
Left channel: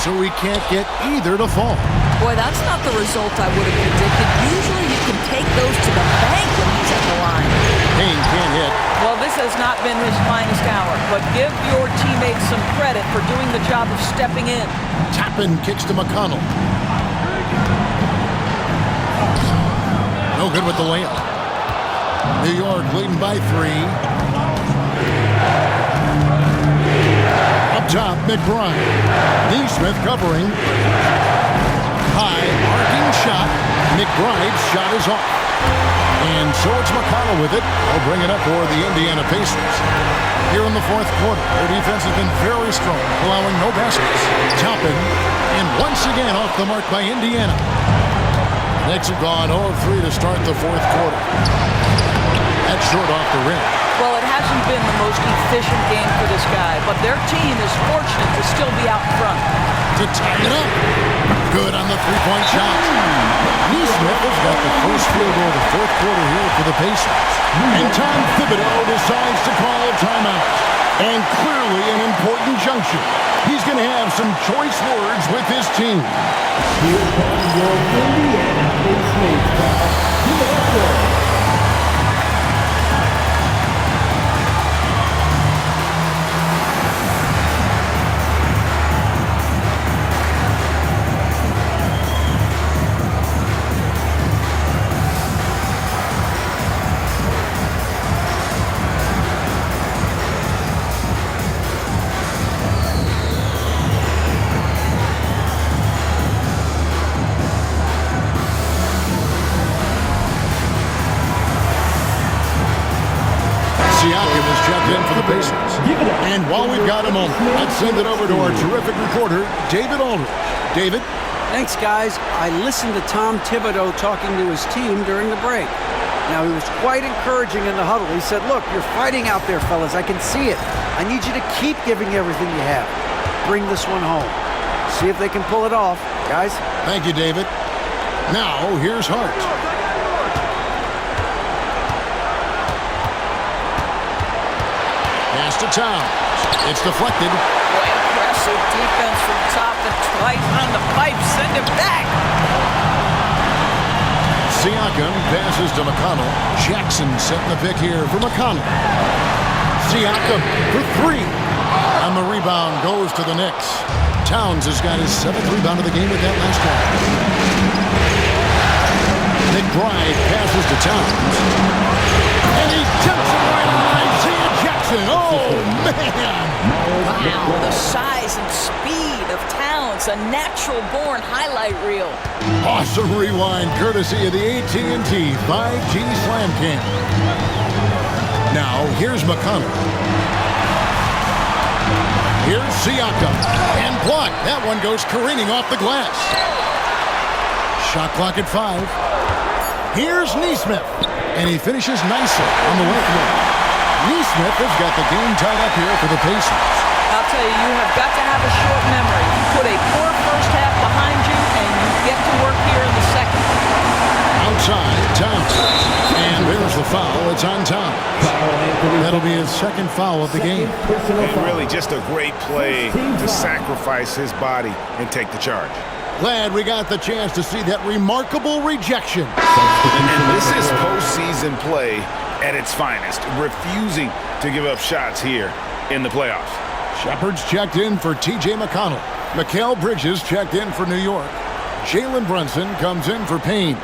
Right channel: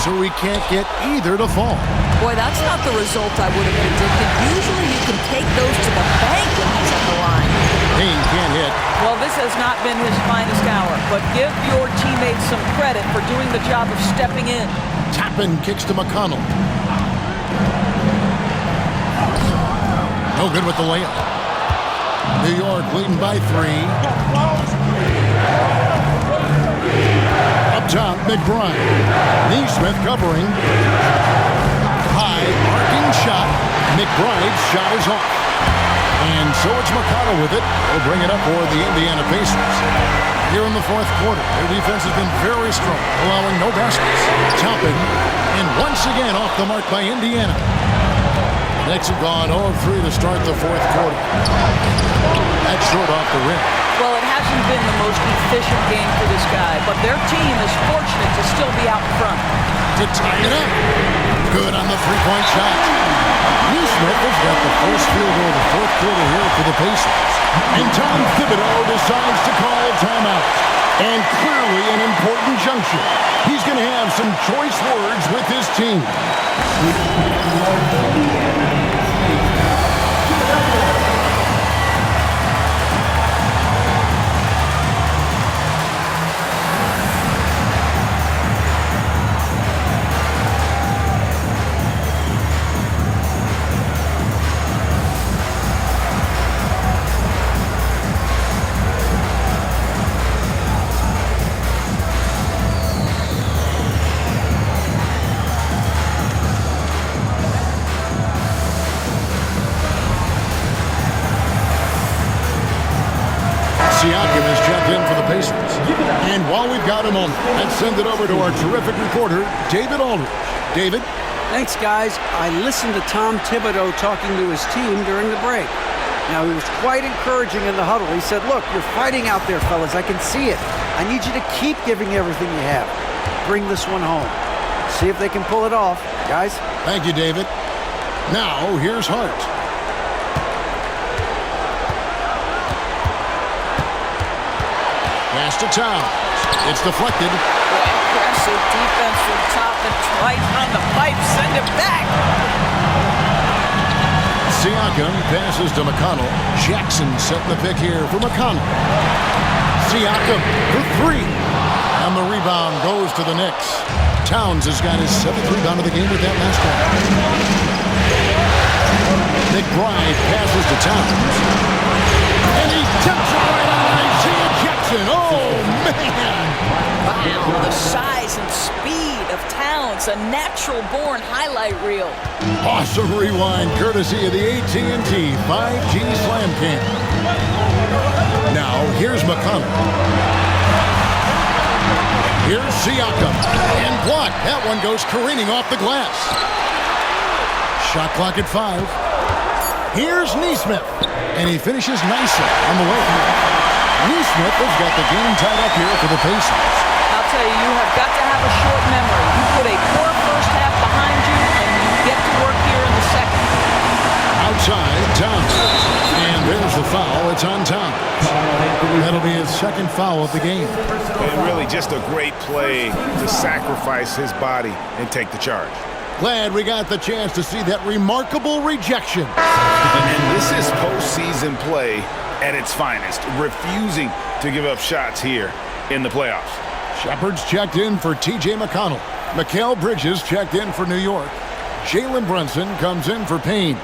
So he can't get either to fall. Boy, that's not the result I would have predicted. Usually you can take those to the bank when he's at the line. Payne can't hit. Well, this has not been his finest hour, but give your teammates some credit for doing the job of stepping in. Toppin kicks to McConnell. No good with the layup. New York leading by 3. Up top, McBride. Neesmith covering. High, arcing shot. McBride's shot is off. And so it's McConnell with it. He'll bring it up for the Indiana Pacers. Here in the fourth quarter, their defense has been very strong, allowing no baskets. Toppin, and once again off the mark by Indiana. The Knicks have gone 0 of 3 to start the fourth quarter. That's short off the rim. Well, it hasn't been the most efficient game for this guy, but their team is fortunate to still be out in front. To tie it up. Good on the three-point shot. Neesmith has got the first field goal of the fourth quarter here for the Pacers. And Tom Thibodeau decides to call timeout. And clearly an important juncture. He's going to have some choice words with his team. Siakam is checked in for the Pacers. And while we've got a moment, let's send it over to our terrific reporter, David Aldridge. David? Thanks, guys. I listened to Tom Thibodeau talking to his team during the break. Now, he was quite encouraging in the huddle. He said, look, you're fighting out there, fellas. I can see it. I need you to keep giving everything you have. Bring this one home. See if they can pull it off. Guys? Thank you, David. Now, here's Hart. Pass to Towns. It's deflected. Boy, impressive defense from Toppin. Twice on the pipe. Send it back. Siakam passes to McConnell. Jackson setting the pick here for McConnell. Siakam for 3. And the rebound goes to the Knicks. Towns has got his 7th rebound of the game with that last one. McBride passes to Towns. And he tips it right on Isaiah Jackson. Oh, man. Wow, the size and speed of Towns. A natural-born highlight reel. Awesome rewind courtesy of the AT&T 5G Slam Cam. Now, here's McConnell. Here's Siakam. And blocked. That one goes careening off the glass. Shot clock at 5. Here's Nesmith. And he finishes nicely on the way. Nesmith has got the game tied up here for the Pacers. I'll tell you, you have got to have a short memory. You put a poor first half behind you, and you get to work here in the second. Outside, Towns. And there's the foul. It's on Towns. That'll be his second foul of the game. And really just a great play to sacrifice his body and take the charge. Glad we got the chance to see that remarkable rejection. And this is postseason play at its finest, refusing to give up shots here in the playoffs. Shepard's checked in for T.J. McConnell. Mikal Bridges checked in for New York. Jalen Brunson comes in for Payne.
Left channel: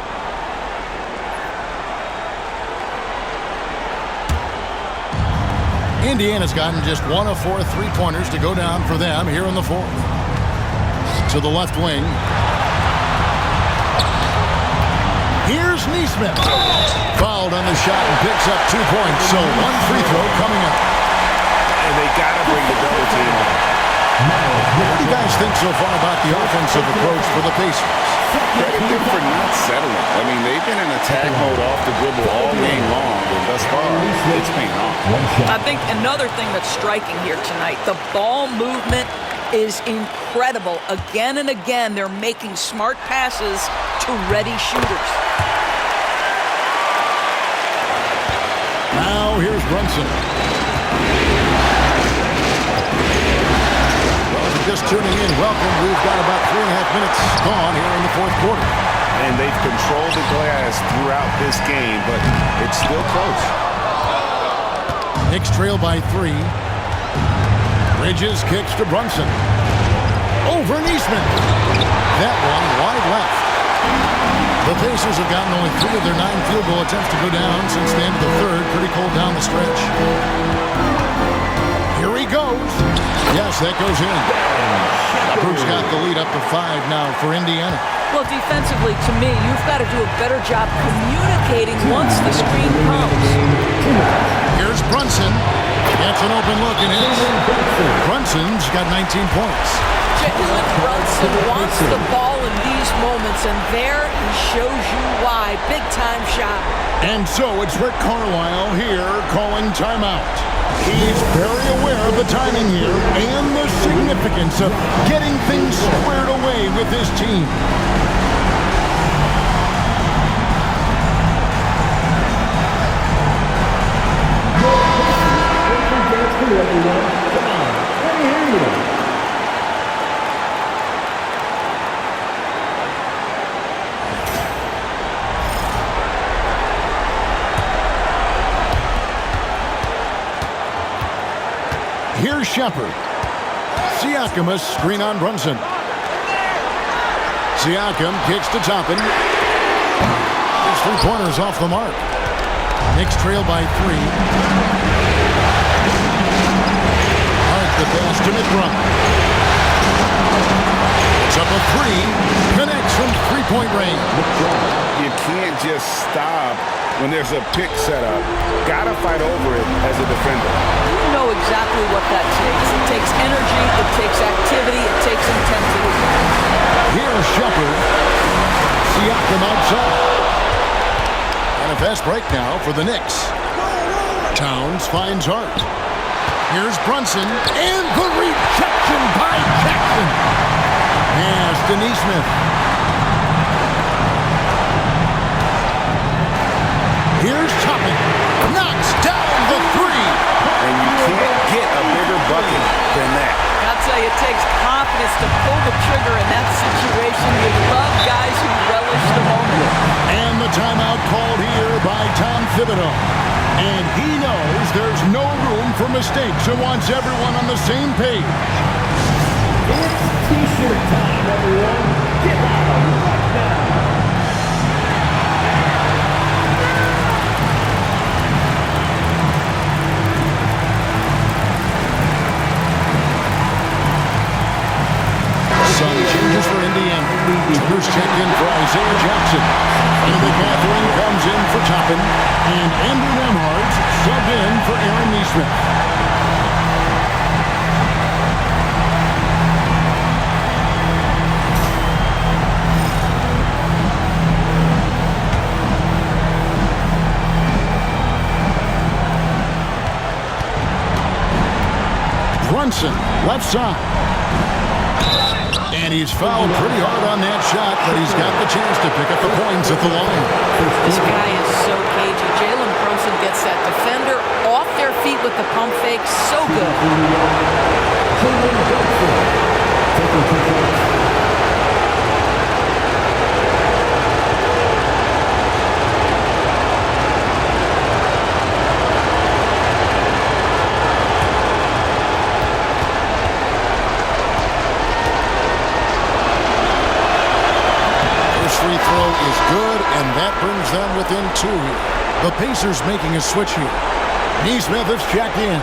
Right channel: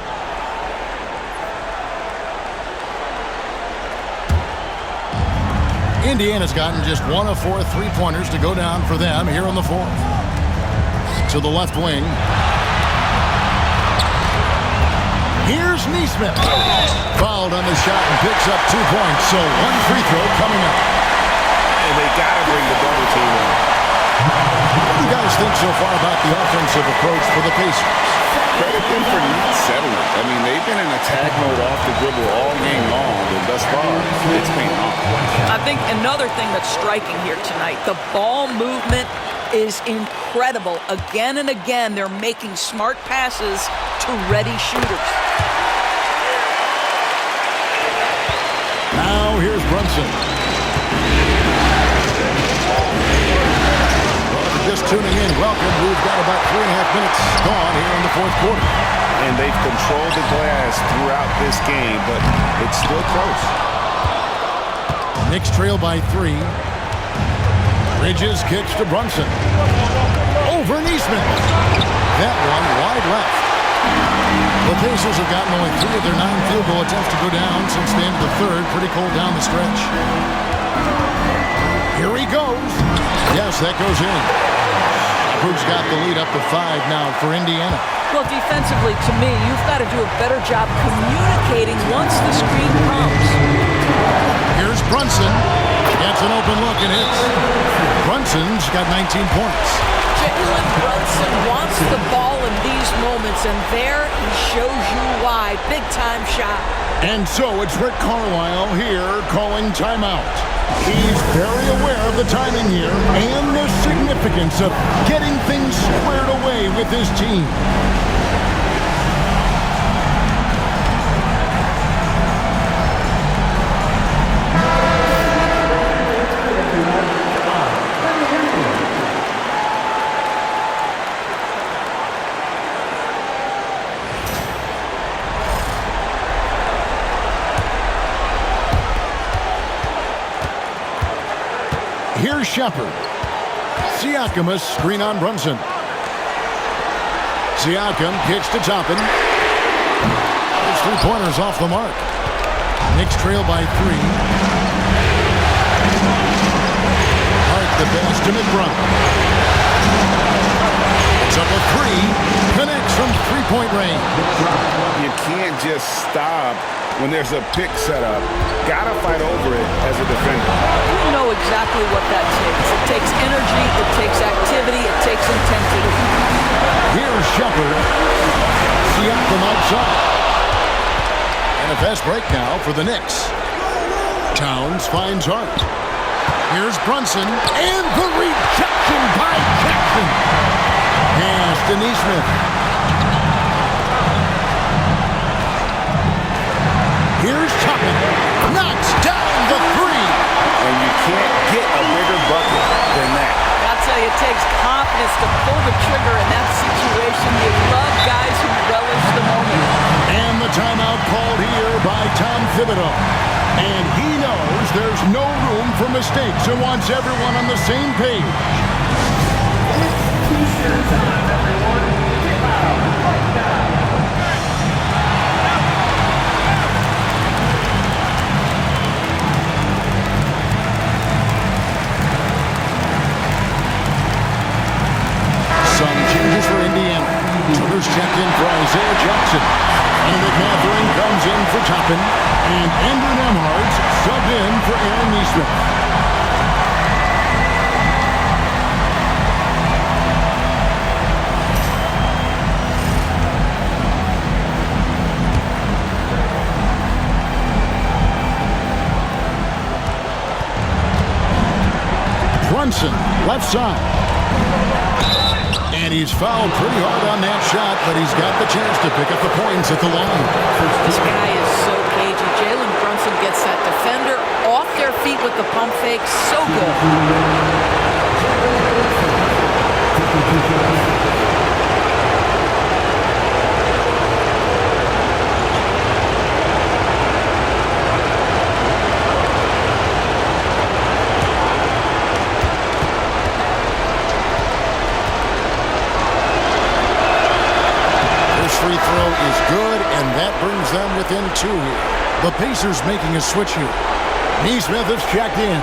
Indiana's gotten just 1 of 4 3-pointers to go down for them here in the fourth. To the left wing. Here's Nesmith. Fouled on the shot and picks up 2 points. So 1 free throw coming up. And they got to bring the double team on. What do you guys think so far about the offensive approach for the Pacers? Credit them for not settling. I mean, they've been in attack mode off the dribble all game long, and thus far, it's paying off. I think another thing that's striking here tonight, the ball movement is incredible. Again and again, they're making smart passes to ready shooters. Now here's Brunson. Well, if you're just tuning in, welcome. We've got about 3.5 minutes gone here in the fourth quarter. And they've controlled the glass throughout this game, but it's still close. Knicks trail by 3. Bridges kicks to Brunson. Over Nesmith. That one wide left. The Pacers have gotten only 3 of their 9 field goal attempts to go down since the end of the third. Pretty cold down the stretch. Here he goes. Yes, that goes in. Shepard's got the lead up to 5 now for Indiana. Well, defensively, to me, you've got to do a better job communicating once the screen comes. Here's Brunson. Gets an open look and hits. Brunson's got 19 points. Jalen Brunson wants the ball in these moments, and there he shows you why. Big-time shot. And so it's Rick Carlisle here calling timeout. He's very aware of the timing here and the significance of getting things squared away with his team. Here's Shepard. Siakam a screen on Brunson. Siakam kicks to Toppin. His 3-pointers off the mark. Knicks trail by 3. Hart the pass to McBride. It's up a 3. Connects from 3-point range. You can't just stop when there's a pick set up. Gotta fight over it as a defender. You know exactly what that takes. It takes energy, it takes activity, it takes intensity. Here's Shepard. Siakam outside. And a fast break now for the Knicks. Towns finds Hart. Here's Brunson. And the rejection by Jackson. Pass to Nesmith. Here's Toppin. Knocks down the 3. And you can't get a bigger bucket than that. I'll tell you, it takes confidence to pull the trigger in that situation. You love guys who relish the moment. And the timeout called here by Tom Thibodeau. And he knows there's no room for mistakes and wants everyone on the same page. It's T-shirt time, everyone. Get out right now. Some changes for Indiana. Turner's checked in for Isaiah Jackson. Benedict Mathurin comes in for Toppin. And Andrew Nembhard's subbed in for Aaron Nesmith. Brunson, left side. And he's fouled pretty hard on that shot, but he's got the chance to pick up the points at the line. This guy is so cagey. Jalen Brunson gets that defender off their feet with the pump fake. So good. Free throw is good, and that brings them within 2 here. The Pacers making a switch here. Neesmith is checked in.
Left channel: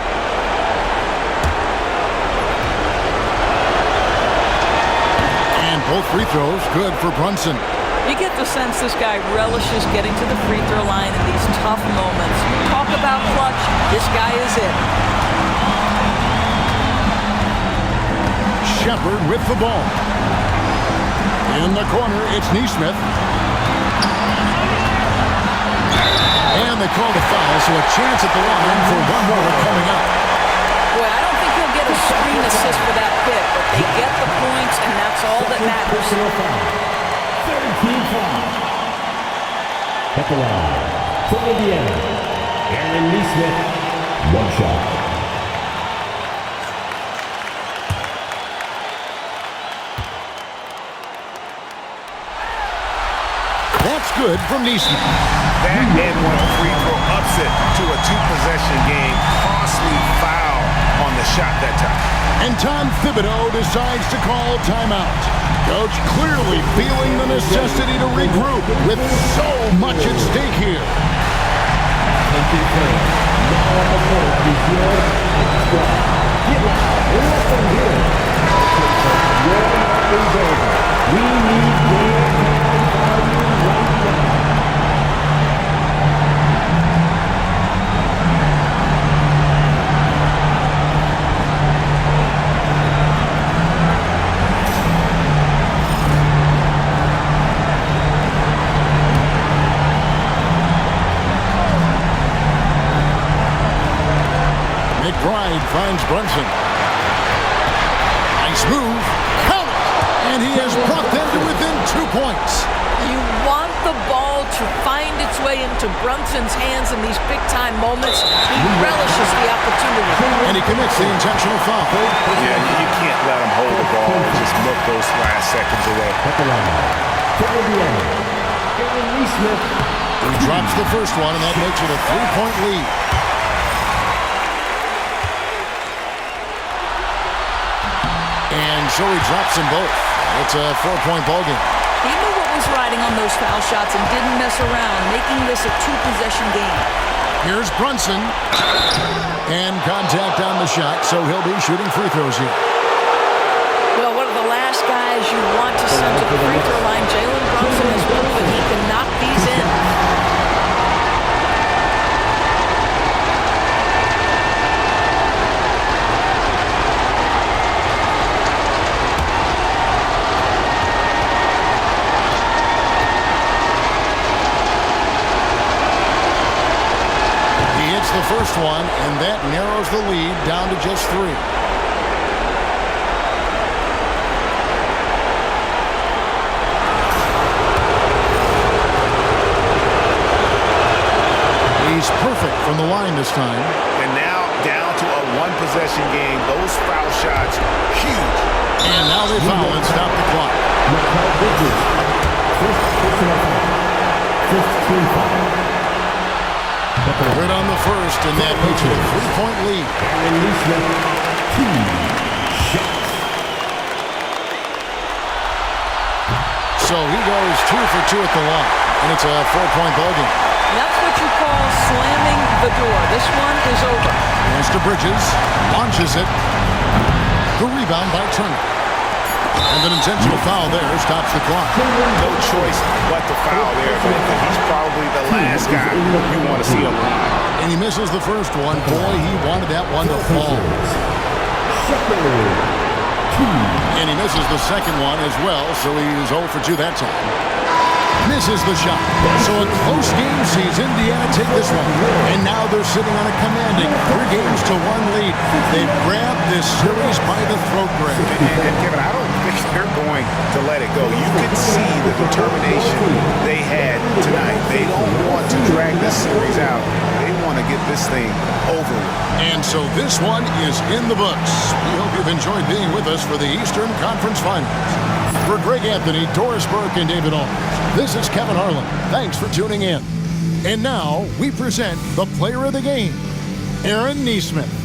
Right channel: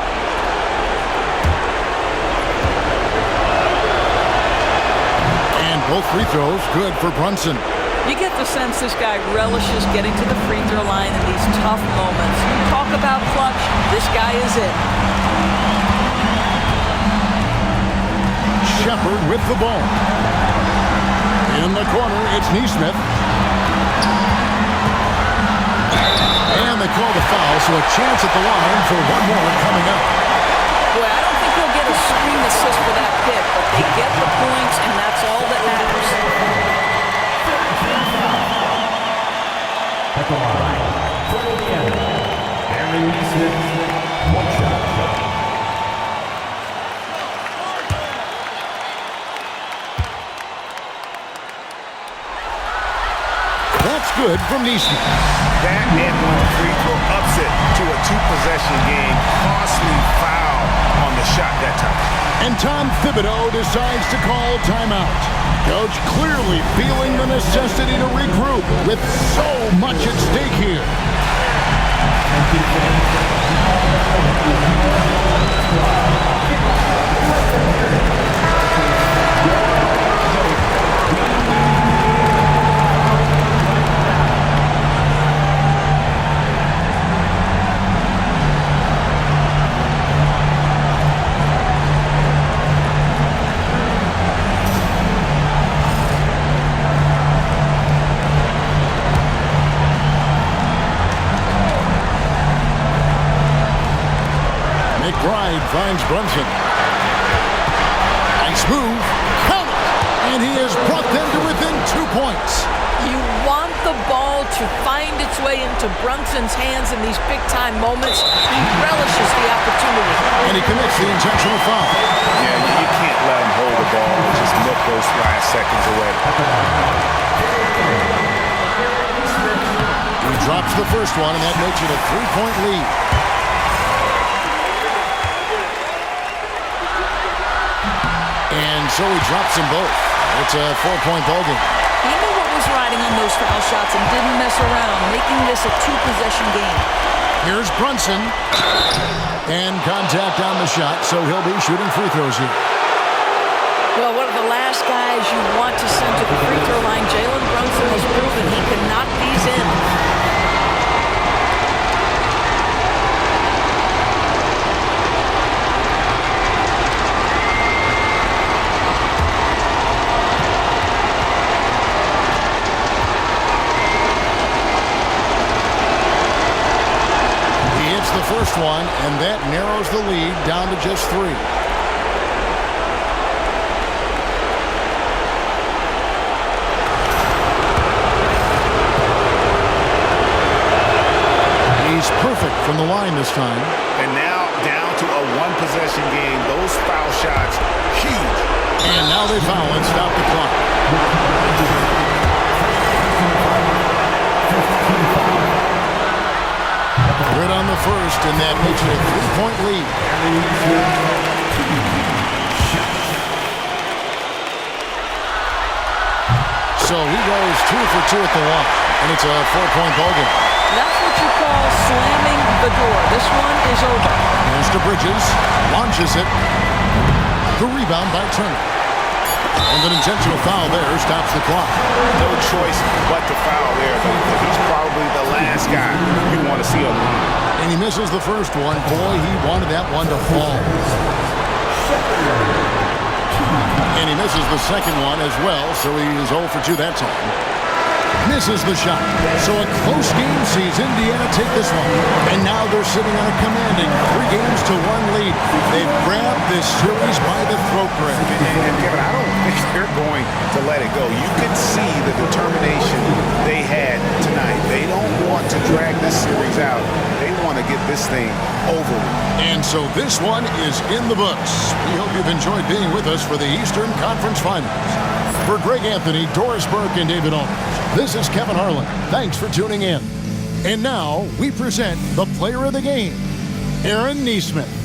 And both free throws good for Brunson. You get the sense this guy relishes getting to the free throw line in these tough moments. You talk about clutch, this guy is it. Shepard with the ball. In the corner, it's Neesmith. And they call the foul, so a chance at the line for one more coming up. Boy, I don't think he'll get a screen assist for that pick, but they get the points, and that's all that matters. 13 foul. At the line, for Indiana, Aaron Neesmith, one shot. That's good from Neesmith. That and one free throw upset to a two-possession game. Costly foul on the shot that time. And Tom Thibodeau decides to call timeout. Coach clearly feeling the necessity to regroup with so much at stake here. Attention fans, now on the court is your squad. Get loud, let them hear it. Your hour is over. We need more right now. McBride finds Brunson. Nice move. Count it. And he has brought them to within 2 points. You want the ball to find its way into Brunson's hands in these big-time moments. He relishes the opportunity. And he commits the intentional foul. Yeah, you can't let him hold the ball and just milk those last seconds away. He drops the first one, and that makes it a 3-point lead. And so he drops them both. It's a 4-point ball game. He knew what was riding on those foul shots and didn't mess around, making this a two-possession game. Here's Brunson. And contact on the shot, so he'll be shooting free throws here. Well, one of the last guys you want to send to the free throw line, Jalen Brunson has proven he can knock these in. The first one, and that narrows the lead down to just 3. He's perfect from the line this time. And now down to a one-possession game. Those foul shots, huge. And now they foul and stop the clock. Good on the first, and that makes it a 3-point lead. So he goes 2 for 2 at the line, and it's a 4-point ball game. That's what you call slamming the door. This one is over. Hands to Bridges, launches it. The rebound by Turner. And an intentional foul there stops the clock. No choice but to foul there, but he's probably the last guy you want to see on the line. And he misses the first one. Boy, he wanted that one to fall. And he misses the second one as well, so he is 0 for 2 that time. misses the shot. So a close game sees Indiana take this one. And now they're sitting on a commanding 3-1 lead. They've grabbed this series by the throat, Greg. And Kevin, I don't think they're going to let it go. You could see the determination they had tonight. They don't want to drag this series out. They want to get this thing over with. And so this one is in the books. We hope you've enjoyed being with us for the Eastern Conference Finals. For Greg Anthony, Doris Burke, and David Aldridge, this is Kevin Harlan. Thanks for tuning in. And now we present the player of the game, Aaron Neesmith.